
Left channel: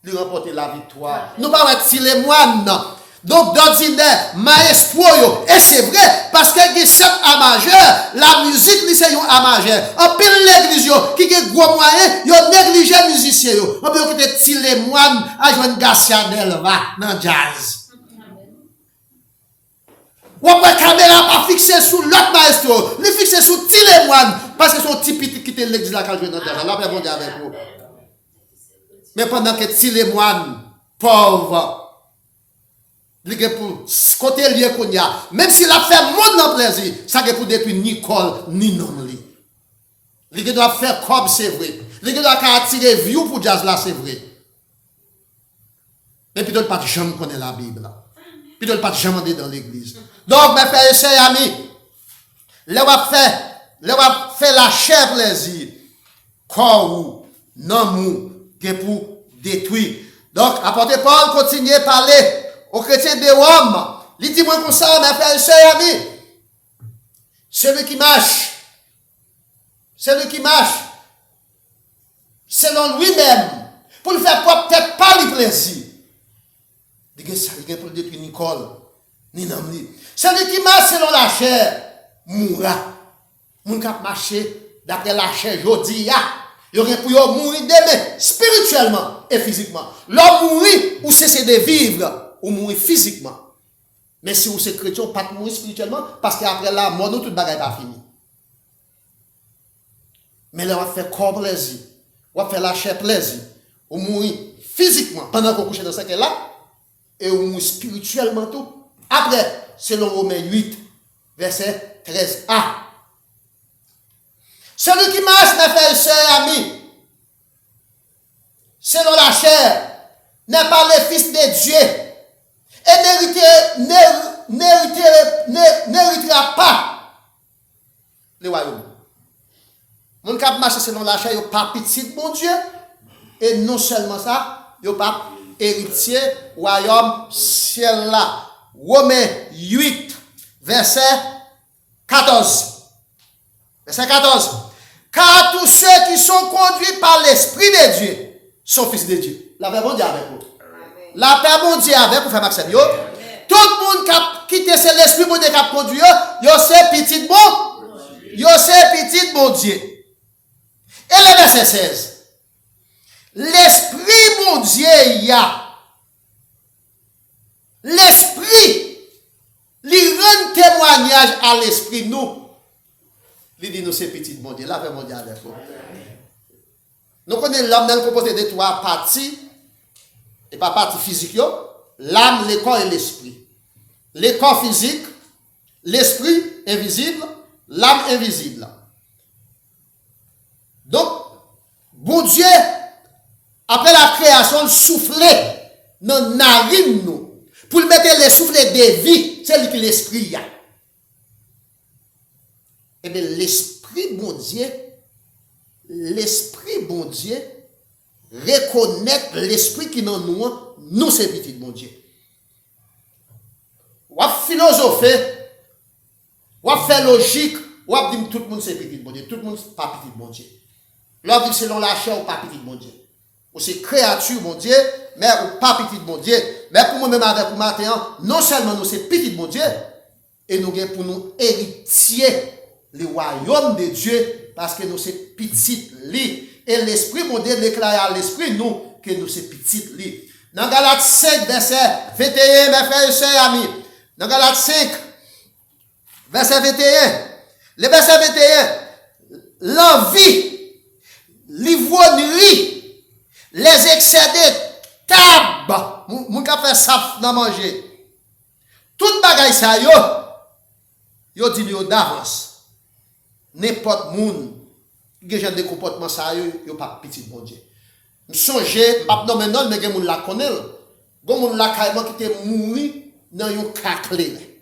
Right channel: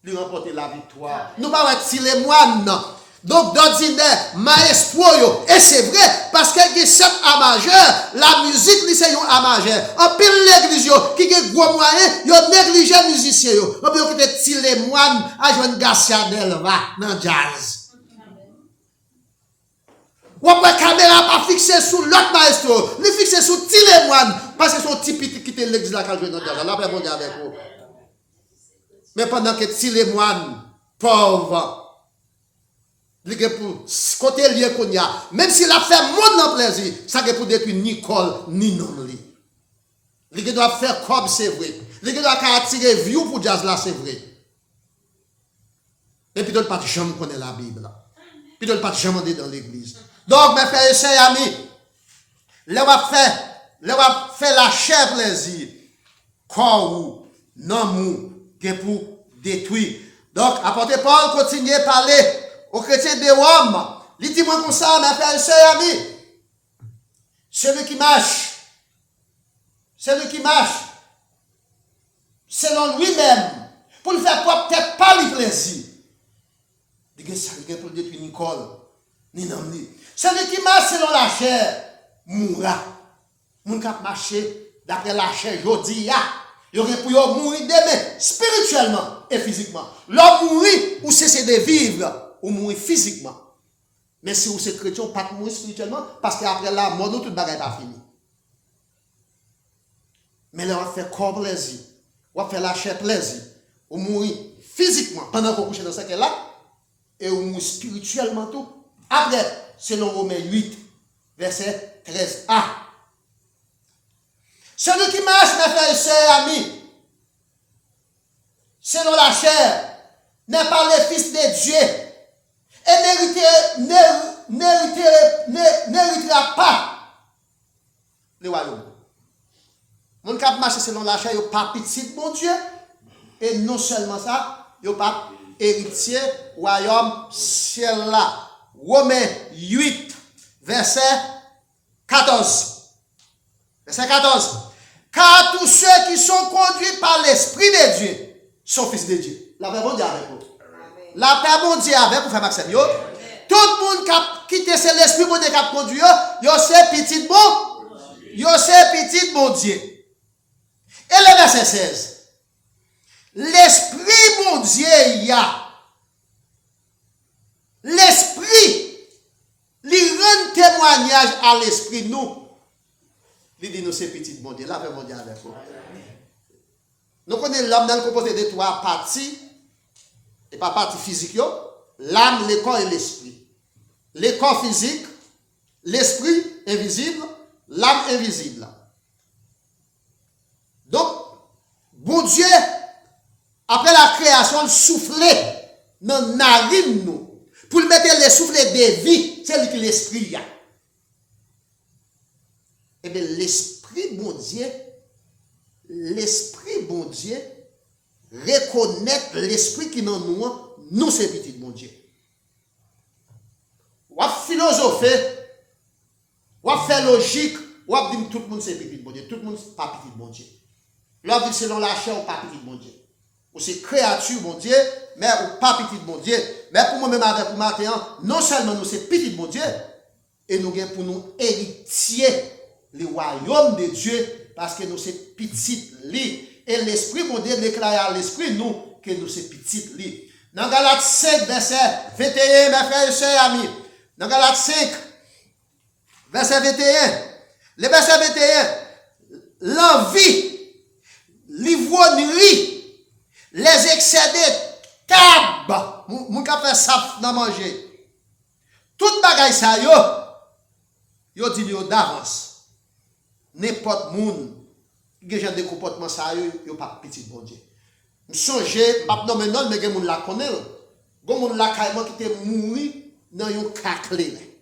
Il remporte la victoire. Nous pas être si les moines, non. Donc, d'ordinaire, maestro, et c'est vrai, parce qu'il y a 7 A majeur, la musique, c'est un A majeur. En pile l'église, qui a gros moyen, il a négligé les musiciens. On peut être les moines à jouer Garcia Delva dans jazz. Ou après, caméra pas fixée sur l'autre maestro, il fixé sur tous les moines, parce que son petit petit qui était l'église là, quand je vais dans jazz. Là, après, bon Dieu avec vous. Mais pendant que tous les moines, pauvres, pour côté lié qu'on y a, même s'il a fait monde en plaisir, ça ne pour détruire ni Nicole ni non li. Il doit faire comme c'est vrai. Il doit attirer view pour jazz là, c'est vrai. Et puis d'autres pas jamais connaître la Bible là. Puis d'autres pas jamais dans l'église. Donc mes frères et sœurs amis, le va faire la chair plaisir. Corps ou non mou que pour détruire. Donc apôtre Paul continue à parler aux chrétiens de Rome. Il dit moi comme ça, mes frères et sœurs amis, celui qui marche selon lui-même, pour le faire peut-être pas le plaisir. Il dit ça, il pour détruire Nicole, ni Namli. Celui qui marche selon la chair, mourra. Moun kap marcher d'après la chair, jodi, il y aurait pour mourir demain, spirituellement et physiquement. L'homme mourir ou cesser de vivre, ou mourir physiquement. Mais si vous êtes chrétien, pas de mourir spirituellement, parce qu'après la mort, tout le bagage pas fini. Mais là, on va faire corps plaisir, on va faire la chair plaisir, ou mourir physiquement pendant qu'on couche dans ce cas-là, et on mourir spirituellement tout. Après, selon Romains 8, verset 13a. Celui qui marche, mes frères et sœurs amis, selon la chair, n'est pas le fils de Dieu et n'héritera pas le royaume. Mon cap marche selon la chair, il n'y a pas petit bon Dieu, et non seulement ça, il n'y a pas héritier royaume ciel là. Romains 8, verset 14. Verset 14. Car tous ceux qui sont conduits par l'Esprit de Dieu sont fils de Dieu. La paix bon Dieu avec vous. La paix bon Dieu avec vous, frère Maxime. Tout le monde qui quitte l'Esprit bon Dieu qui a conduit, yo c'est petit bon. Yo c'est petit bon Dieu. Et le verset 16. L'Esprit bon Dieu y a. L'Esprit, il rend témoignage à l'Esprit nous. Il dit nous c'est petit bon Dieu. La paix bon Dieu avec vous. Nous connaissons l'âme dans composé de 3 parties. Et pas partie physique. L'âme, le corps et l'esprit. Le corps physique, l'esprit invisible, l'âme invisible. Donc, bon Dieu, après la création, il soufflait dans la narine nous. Pour mettre le souffle de vie, c'est lui qui l'esprit. Et bien, l'esprit bon Dieu, reconnaître l'esprit qui dans nous c'est petit bon Dieu. Ou philosopher, ou faire logique, ou dire tout le monde c'est petit bon Dieu, tout le monde c'est pas petit bon Dieu. L'on dit selon la chair ou pas petit bon Dieu. Ou c'est créature bon Dieu, mais ou pas petit bon Dieu. Mais pour moi-même avec vous maintenant, non seulement nous c'est petit bon Dieu, et nous avons pour nous héritier le royaume de Dieu, parce que nous c'est petit lit. Et l'Esprit bon Dieu déclare à l'Esprit nous que nous c'est petit lit. Dans Galates 5, verset 21, mes frères et sœurs amis. Dans Galates 5, verset 21. Le verset 21. L'envie, l'ivrognerie, les excès de table. Moun ka fait ça dans manger. Tout bagay ça yo dit yo d'avance. N'importe moun qui a des comportements ça yo pas petit bon Dieu. Me songe pas non maintenant mais gen moun la connaît. Gon moun la carrément qui te mouri dans yon caclé.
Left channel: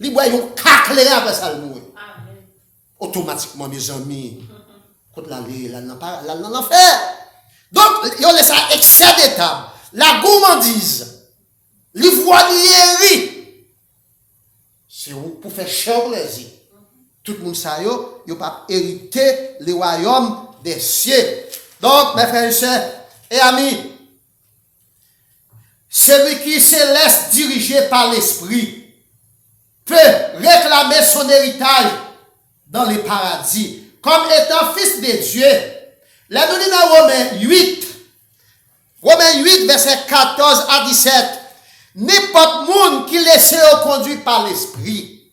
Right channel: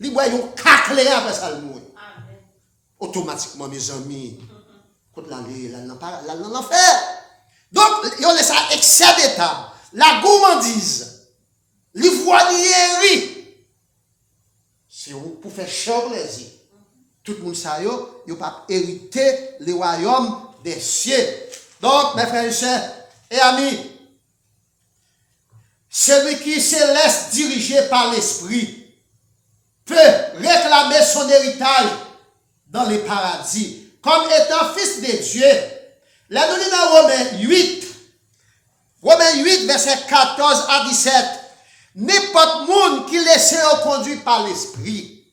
Li boy yon caclé après ça le mouri. Automatiquement mes amis quand la nan pas la nan l'enfer. Donc yo laisse ça excès de table, la gourmandise, l'ivrognerie. C'est pour faire cher plaisir. Tout le monde ça yo pas hériter le royaume des cieux. Donc mes frères et sœurs et amis, celui qui se laisse diriger par l'Esprit peut réclamer son héritage dans les paradis comme étant fils de Dieu. Là, nous lisons dans Romains 8, verset 14 à 17. N'importe monde qui laisse conduire par l'Esprit,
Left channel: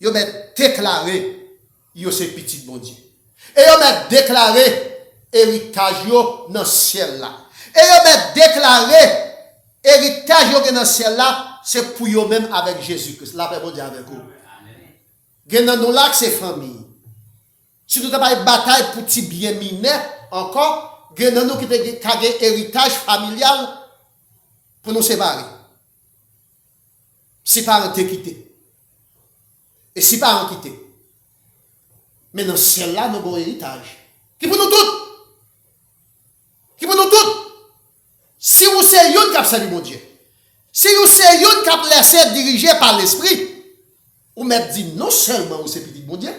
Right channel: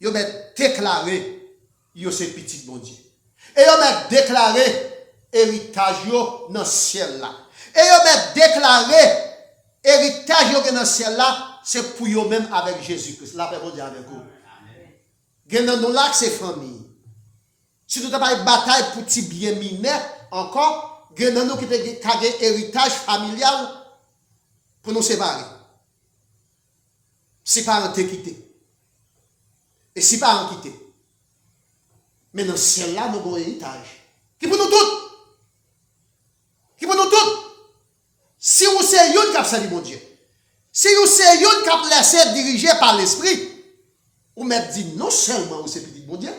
il m'a déclaré, il c'est petit bon Dieu. Et il m'a déclaré héritage dans le ciel là. Et il m'a déclaré héritage dans le ciel là, c'est pour eux même avec Jésus-Christ. La paix bon Dieu avec vous. Gen nous là c'est famille. Si nous avons une bataille pour ti bien miné encore, gen nous qui a un héritage familial pour nous séparer. Si parents te quitté. Et si parents quitté. Mais dans le ciel là, nous avons un héritage. Qui pour nous tous? Qui pour nous tous? Si vous c'est yon qui a servi mon Dieu. Si vous c'est yon qui a laissé diriger par l'esprit, ou m'a dit non seulement vous c'est petit bon Dieu,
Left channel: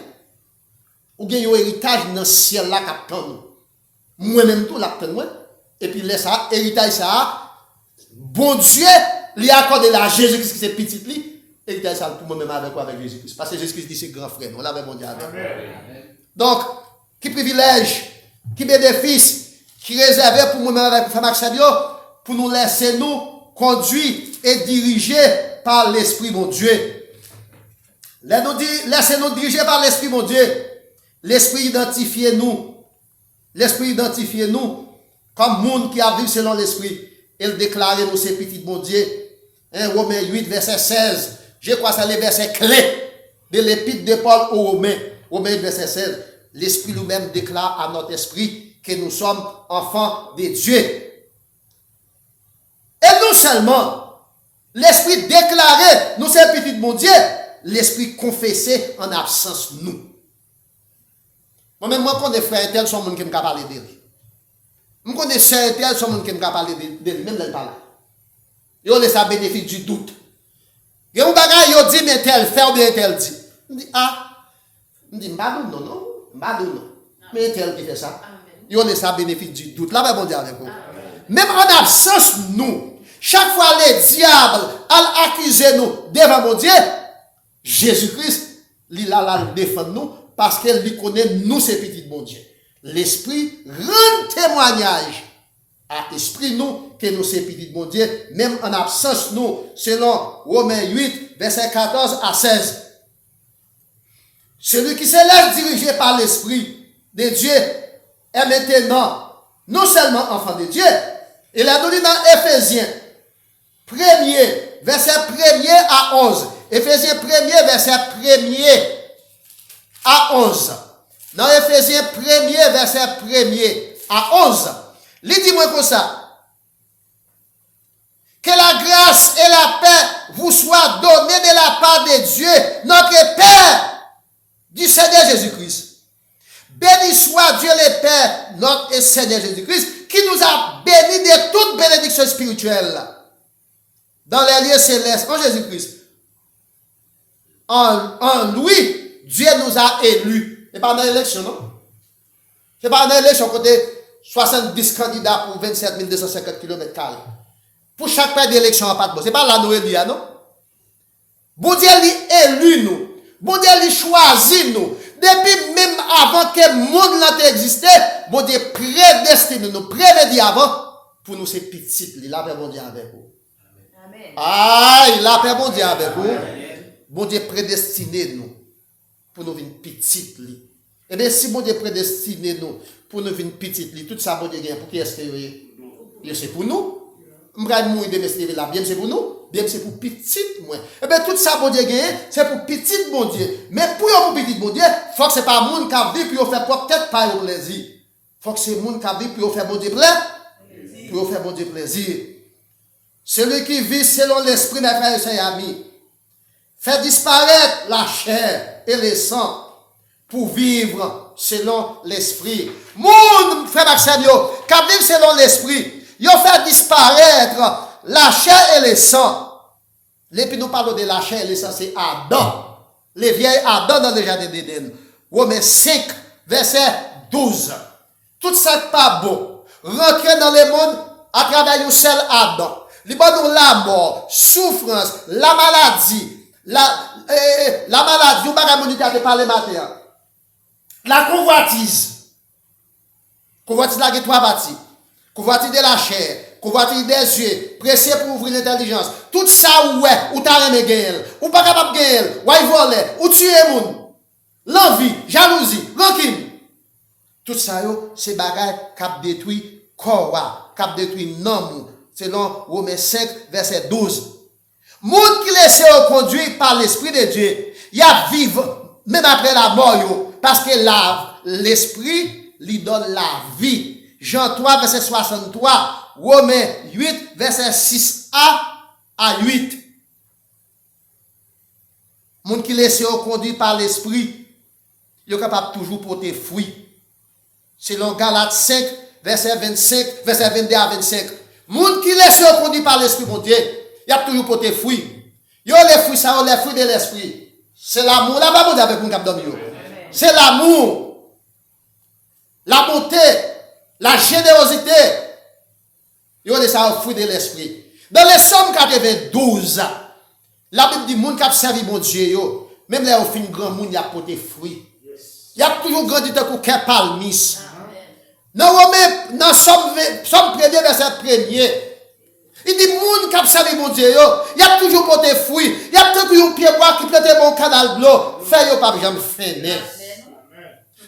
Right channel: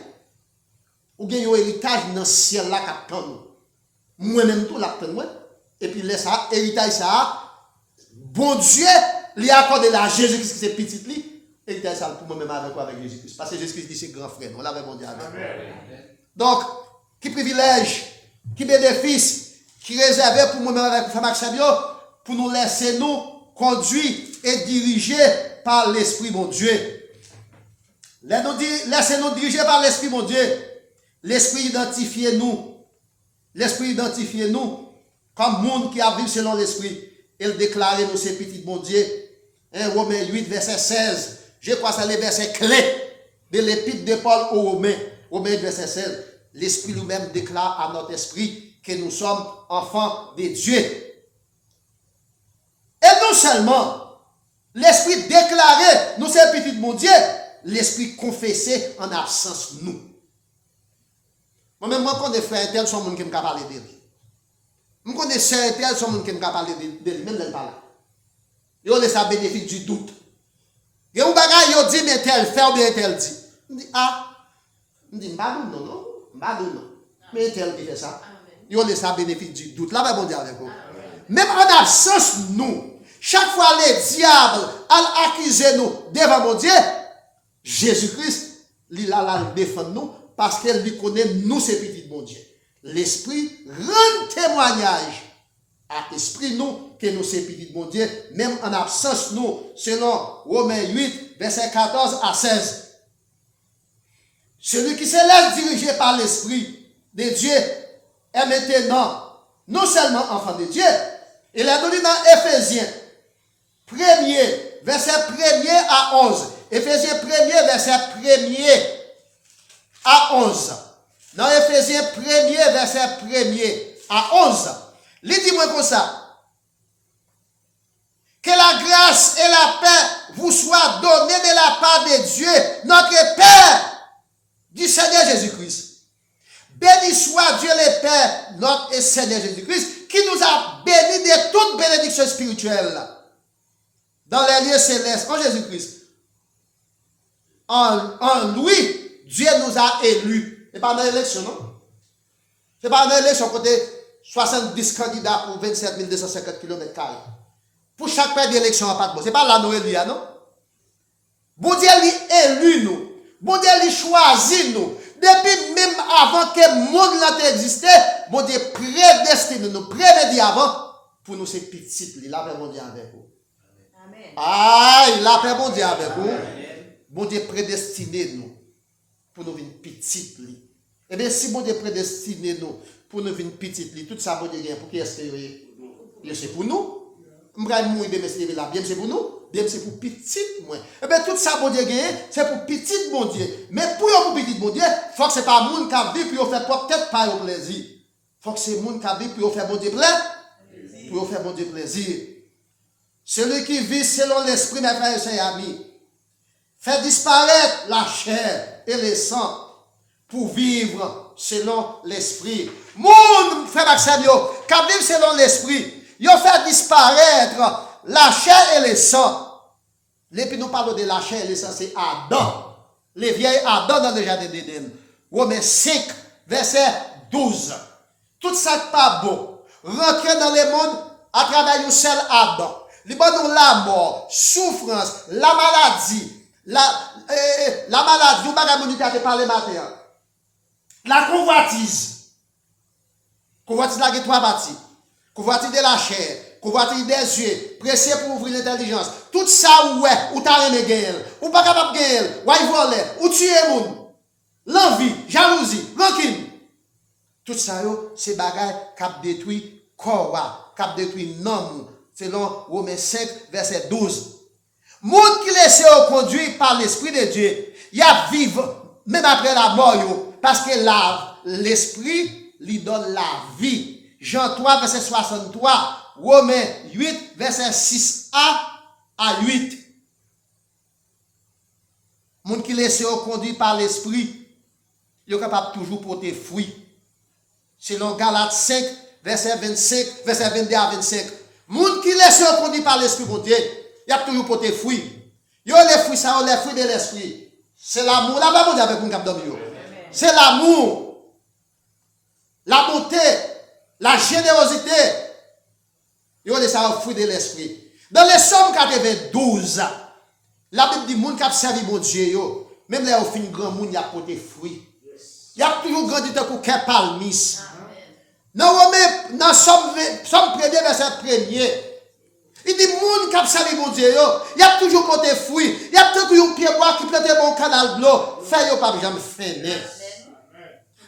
ou gagne un héritage dans le ciel là qui attend nous. Moi-même tout l'attend moi. Et puis laisse ça, héritage ça, bon Dieu, lui accorde la Jésus-Christ qui c'est petit lui, héritage ça pour moi-même avec quoi avec Jésus-Christ. Parce que Jésus-Christ dit c'est grand frère, on l'avait bon Dieu avec. Donc, qui privilège, qui bénéfice, qui réservé pour moi-même avec Frère Maxime, pour nous laisser nous conduire et diriger par l'Esprit mon Dieu. Laissez-nous diriger par l'Esprit mon Dieu. L'Esprit identifie nous. L'Esprit identifie nous comme monde qui a vécu selon l'Esprit. Il déclare nous ces petits bon Dieu. Romains 8, verset 16. Je crois que c'est le verset clé de l'épître de Paul aux Romains. Romains 8, verset 16. L'Esprit lui-même déclare à notre esprit que nous sommes enfants de Dieu. Et non seulement l'Esprit déclarait nous ces petits bon Dieu, l'Esprit confessait en absence nous. Moi-même, moi, quand je frère tel, son monde qui me parle de lui. Moi, quand je sœur tel, son monde qui me parle de lui, même dans le parler. Yo laisse à bénéfice du doute. Et un bagage, yo dit, mais tel fait ou bien tel dit. Je dis, ah, je dis, non. Mais tel qui fait ça. Yo laisse à bénéfice du doute. Là, bon Dieu avec vous. Même en absence, nous, chaque fois les diables accusent nous devant mon Dieu, Jésus-Christ, il a défend nous parce qu'il lui connaît nous, ces petits bon Dieu. L'Esprit rend témoignage à l'Esprit nous que nous, ces petits bon Dieu, même en absence nous, selon Romains 8, verset 14 à 16. Celui qui se laisse diriger par l'Esprit de Dieu est maintenant non seulement enfant de Dieu, il a donné dans Éphésiens 1er, verset 1er à 11. Éphésiens 1er, verset 1er à 11. Dans Éphésiens 1er, verset 1er à 11. Lisez-moi comme ça. Que la grâce et la paix vous soient données de la part de Dieu, notre Père, du Seigneur Jésus-Christ. Béni soit Dieu le Père, notre Seigneur Jésus-Christ, qui nous a bénis de toute bénédiction spirituelle dans les lieux célestes en Jésus-Christ. En lui, Dieu nous a élus. Ce n'est pas dans l'élection, non? Ce n'est pas dans l'élection côté 70 candidats pour 27 250 km². Pour chaque pays d'élection, ce n'est pas là nous élus, non? Bon Dieu élu nous. Bon Dieu choisit nous. Depuis même avant que le monde n'a existé, bon Dieu prédestiné nous, prévédit avant pour nous ces petites. La paix bon Dieu avec vous. Amen. Aïe, la paix bon Dieu avec vous. Bon Dieu prédestiné nous pour nous une petite. Et bien si bon Dieu prédestiné nous pour nous une petite, tout ça bon Dieu gagne pour qui est-ce que c'est pour nous? M'bral mourir bien c'est pour nous. Bien c'est pour petite moi. Et bien tout ça bon Dieu gagne, c'est pour petite bon Dieu. Mais pour petite bon Dieu, faut que c'est pas monde qui vit pour faire peut-être pas au plaisir. Faut que c'est monde qui vit pour faire bon Dieu plaisir. Pour faire bon Dieu plaisir. Celui qui vit selon l'esprit des frères et sœurs amis, fait disparaître la chair et le sang pour vivre selon l'esprit. Monde, frère Maxime, qui vivent selon l'esprit, ils fait disparaître la chair et le sang. Et puis nous parlons de la chair et le sang, c'est Adam. Les vieilles Adam dans le jardin d'Éden. Romains 5, verset 12. Tout ça n'est pas bon. Rentrer dans le monde à travers un seul Adam. li ban nous la mort, souffrance, la maladie, la maladie, ou bagay moun qui a parlé matin. La convoitise. Convoitise la qui trois parties. Convoitise de la chair, convoitise des yeux, pressé pour ouvrir l'intelligence. Tout ça ouais, ou t'as aimé gagner, ou pas capable gagner, ou il voler, ou tuer moun. L'envie, jalousie, rancune. Tout ça c'est bagay qui détruit corps, qui détruit non, selon Romains 5 verset 12. Moun qui laisse conduire par l'esprit de Dieu, il y a vivre même après la mort parce que l'esprit lui donne la vie. Jean 3 verset 63, Romains 8 verset 6a à 8. Moun qui laisse conduire par l'esprit, il est capable toujours porter fruit. Selon Galates 5 verset 25, verset 22 à 25. Moun qui laisse conduire par l'esprit mon Dieu, il a toujours porté fruit. Yo les fruits ça, les fruits de l'esprit. C'est l'amour, la bonté avec mon cap donne yo. C'est l'amour. La bonté, la générosité. Yo les ça fruit de l'esprit. Dans les Psaumes 92, la Bible dit moun qui a servi mon Dieu yo, même là au fin grand moun y a porté fruit. Il y a toujours grandi tant que palmis. Dans Somme 1er verset 1er, il dit moun qui a servi mon Dieu, il y a toujours porté fruit. Il y a toujours un pied bois qui prête mon canal de l'eau, fait yo pas jamais finir.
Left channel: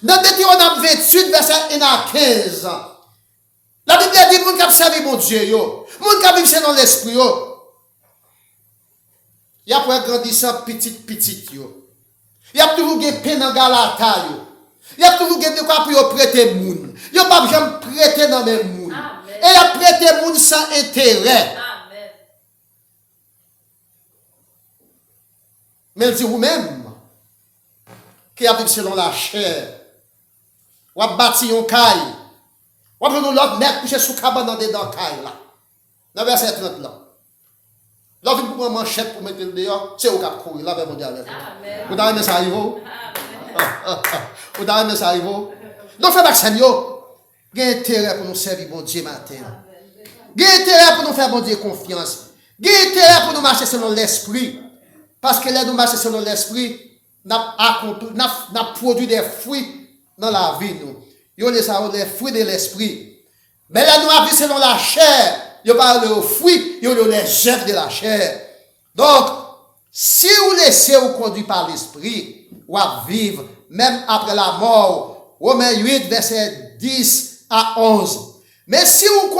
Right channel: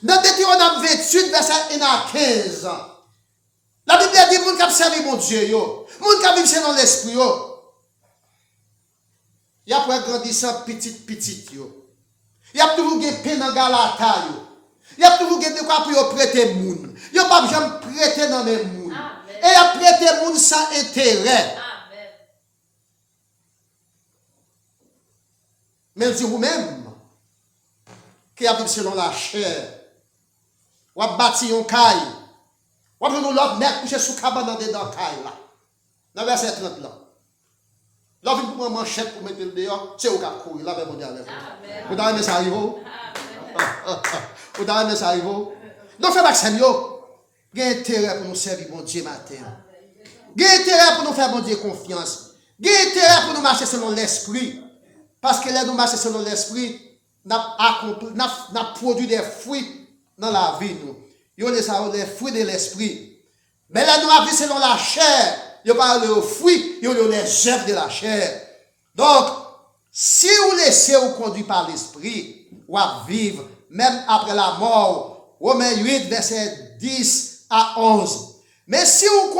Dans Deutéronome 28 verset 1 à 15, la Bible dit moun qui a servi mon Dieu, moun qui a vécu selon l'esprit, il y a pour grandissant petit yo. Il y a toujours des peines dans Galata yo. Il y a toujours des quoi pour prêter moun. Yo pas jamais prêter dans les moun. Et il a prêté moun sans intérêt. Amen. Mais si vous-même qui avez selon la chair, ou a bâti un caille, ou a pris l'autre mec couché sous cabane dans des dents caille là. Dans verset 30 là. Là, vous pouvez manchette pour mettre le dehors, c'est au cap courir, là, ben, mon Dieu. Vous avez aimé ça, Ivo? Vous avez aimé ça, Ivo? Donc, frère Maxime, il y a intérêt pour nous servir, bon Dieu, matin. Il y a intérêt pour nous faire, bon Dieu, confiance. Il y a intérêt pour nous marcher selon l'esprit. Parce que là, nous marcher selon l'esprit, nous avons produit des fruits dans la vie, nous. Il y a les fruits de l'esprit. Mais là, nous avons selon la chair. Il parle aux fruits, il y a les œuvres de la chair. Donc, si vous laissez vous conduire par l'esprit, vous vivre même après la mort. Romains 8, verset 10 à 11. Mais si vous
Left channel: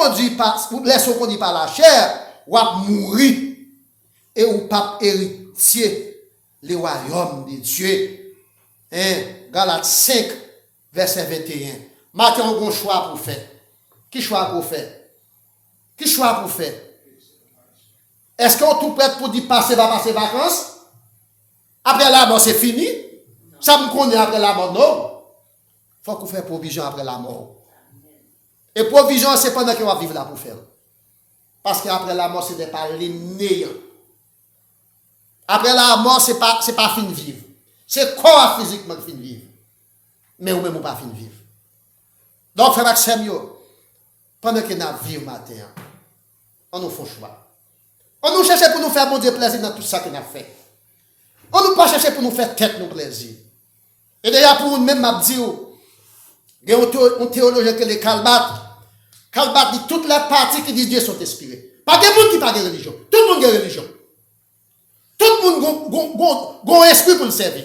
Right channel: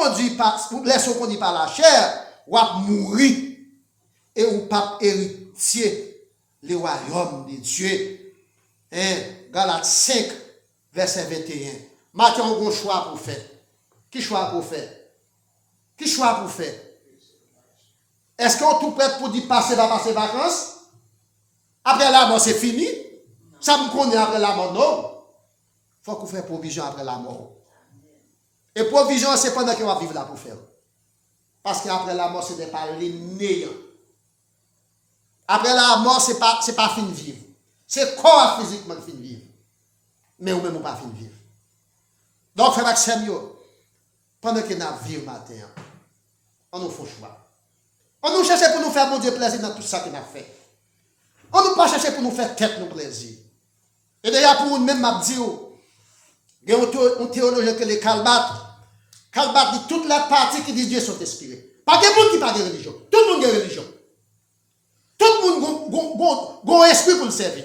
laissez vous conduire par la chair, vous mourir et vous pas héritier le royaume de Dieu. Galates 5, verset 21. Marquez un bon choix pour faire. Qui choix pour faire? Qui choix pour faire? Est-ce qu'on est tout prêt pour dire passer vacances? Après la mort, c'est fini? Ça me connaît après la mort, non? Il faut qu'on fasse provision après la mort. Et provision, c'est pendant qu'on va vivre là pour faire. Parce qu'après la mort, c'est pas les néants. Après la mort, c'est pas fin de vivre. C'est corps physiquement qui fin de vivre. Mais ou même pas fin de vivre. Donc, frère Maxime, pendant que nous vivons matin, on nous fait choix. On nous cherche pour nous faire bon Dieu plaisir dans tout ça qu'on a fait. On nous pas chercher pour nous faire tête nous plaisir. Et d'ailleurs, pour nous-mêmes, m'a dit, il y a un théologien qui est Calbat. Calbat dit toutes les parties qui disent Dieu sont inspirées. Pas de monde qui parle de religion. Tout le monde a religion. Tout le monde a un esprit pour le servir.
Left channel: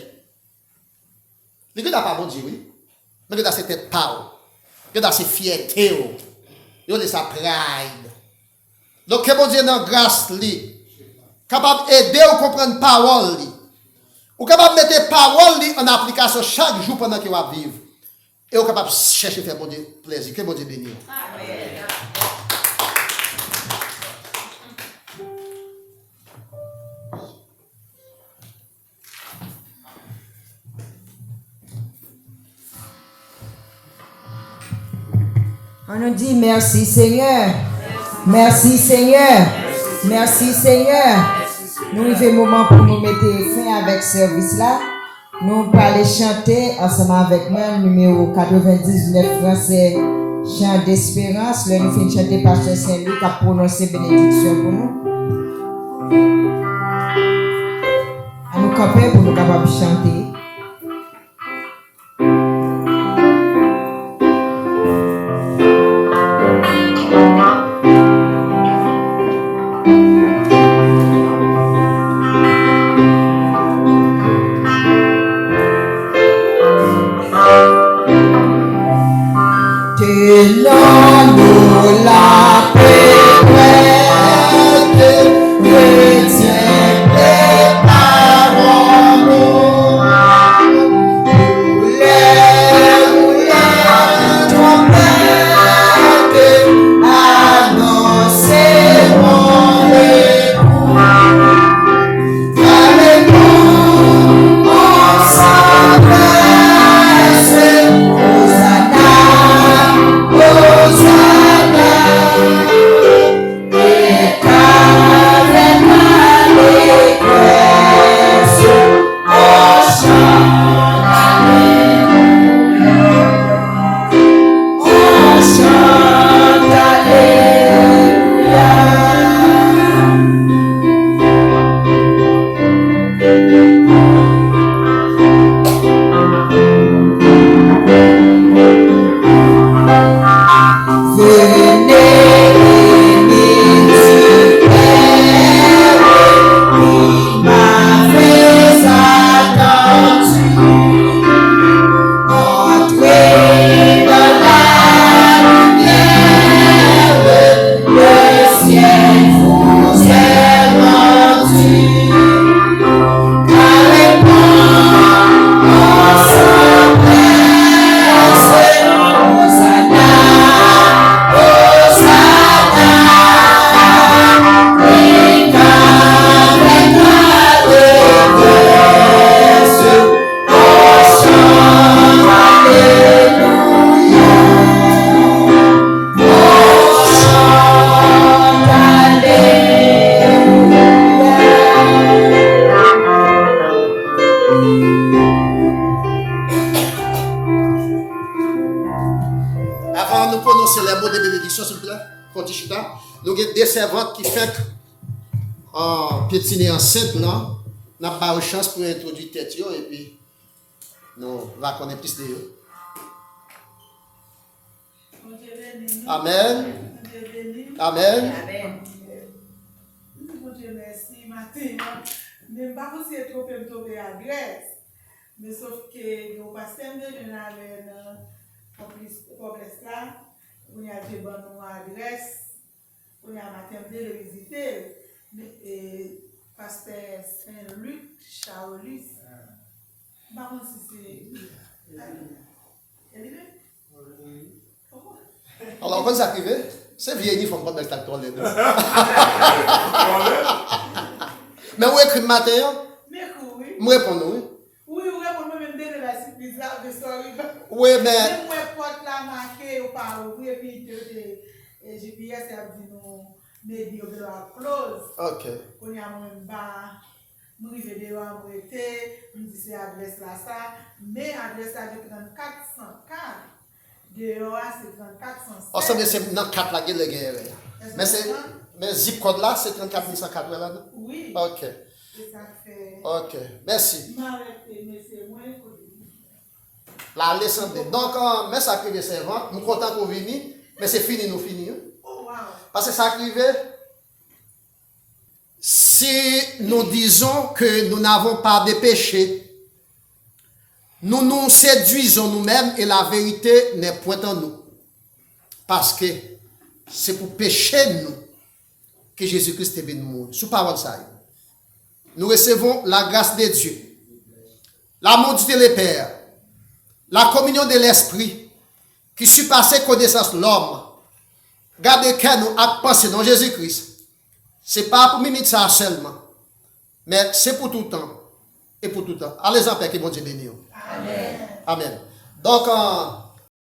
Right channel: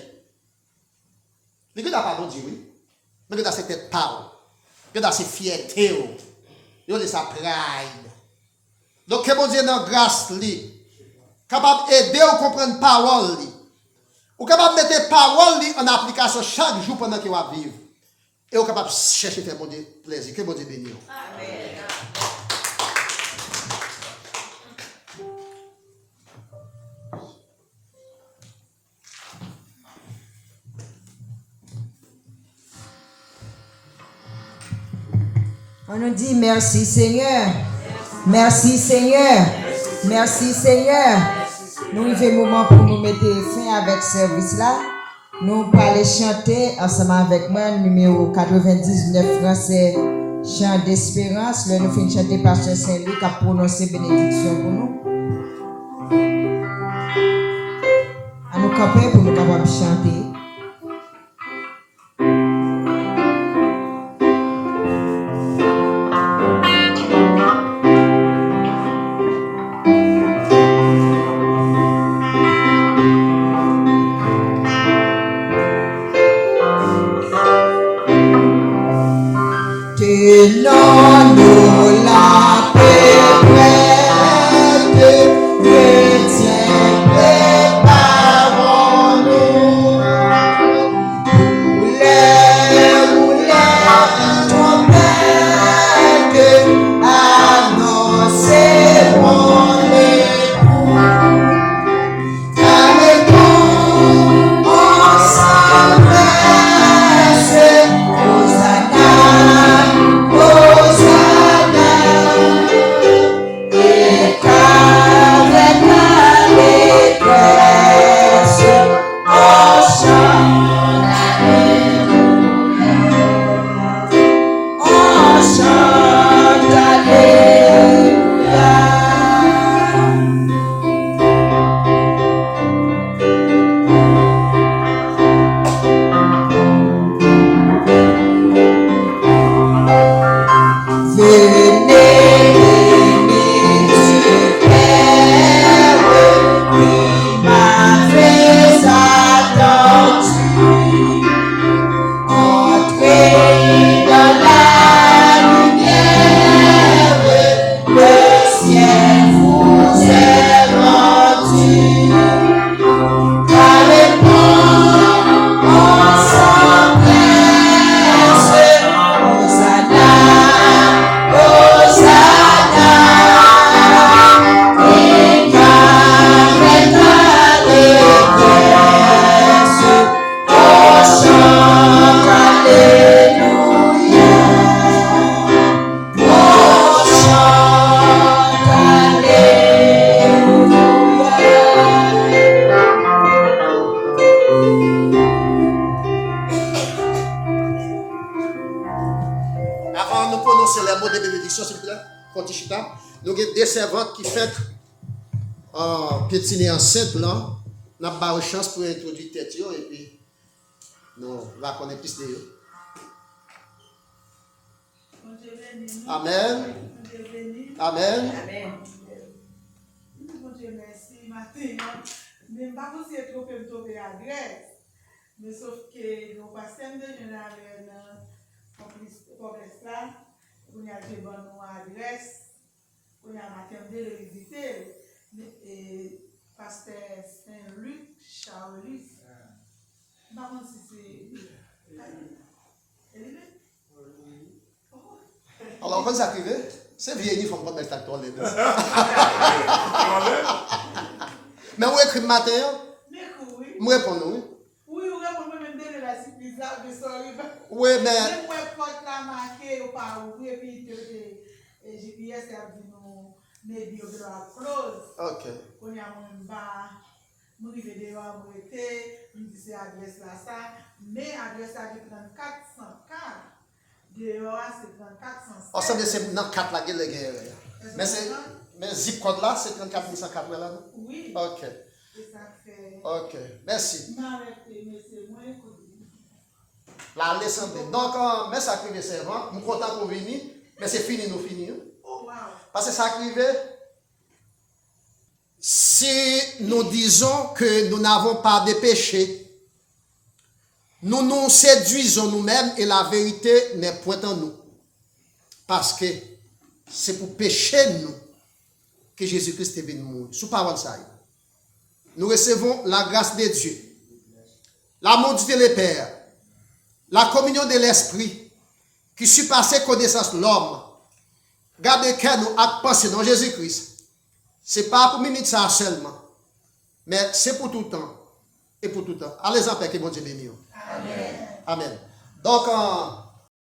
Mais il n'a pas bon Dieu, oui. Mais il a ses têtes parole. Il a ses fiertés. Il a sa pride. Donc, que bon Dieu dans grâce, capable d'aider à comprendre parole, ou capable de mettre parole en application chaque jour pendant qu'il va vivre. Et ou capable de chercher à faire bon Dieu plaisir. Que bon Dieu bénisse. Amen. On nous dit merci Seigneur. Merci Seigneur. Merci Seigneur. Nous avons un moment pour nous mettre fin avec ce service là. Nous allons chanter ensemble avec moi, numéro 99 français chant d'espérance. Là, nous finissons de chanter Pasteur Saint-Luc qui a prononcé bénédiction pour nous. À nous camper pour nous capables de chanter. Tenons-nous la paix prête, retiens, préparons-nous. Roulez trompettes, annoncerons l'époux. Avec nous, on s'adresse, Hosanna, Hosanna, et qu'avec allégresse, on chante Alléluia, on chante Alléluia. Venez bénis du Père, qui m'avait attendu. Entrez dans la lumière, le ciel vous est rendu. Avec moi, on s'empresse, Hosanna, Hosanna, et qu'avec allégresse, on chante Alléluia, on chante Alléluia. Avant de nous prononcer les mots de bénédiction, s'il vous plaît, Kontichita, nous avons des servantes qui font piétiner enceinte là. Nous avons pas de chance pour introduire tête et puis nous va connaître plus de eux. Amen. Amen. Mon Dieu, merci, matin. Même pas pour c'est trop me tomber à Grèce. Mais sauf que nous passons de l'année dans complexe là, on y a des bonnes à Grèce, on y a matin de le visiter. Pasteur Saint-Luc, Charles. Par contre, si c'est. Elle est bien? Alors, quand ça arrive, c'est vieilli, il faut pas mettre la toilette. Mais où écrit matin? Mais oui. Moi, réponds nous. Oui, oui, moi même donner la surprise là de soirée. Oui, mais. Même moi porte la marqué ou pas ouvrir puis GPS a dit nous maybe you will close. Ok. On y a même pas nous rive de là où était, nous dit c'est adresse là ça, mais adresse là de 3404. Dehors c'est 3407. Ensemble, c'est dans 4 la guerre. Mais zip code là, c'est 34 là, non? Oui. Ok. Et ça fait. Ok. Merci. M'arrêter, mais c'est moins que. La leçon. Donc, mais ça arrive, servant. Nous sommes contents pour venir, mais c'est fini, nous finissons. Oh wow. Parce que ça arrive, si nous disons que nous n'avons pas de péché, nous nous séduisons nous-mêmes et la vérité n'est point en nous. Parce que c'est pour pécher nous que Jésus-Christ est venu mourir. Sous parole ça. Nous recevons la grâce de Dieu, l'amour du Dieu le Père, la communion de l'Esprit qui surpasse connaissance de l'homme. Gardez que nous à penser dans Jésus-Christ. Ce n'est pas pour minute ça seulement, mais c'est pour tout le temps et pour tout le temps. Allez en paix, que mon Dieu bénisse. Amen. Amen. Donc,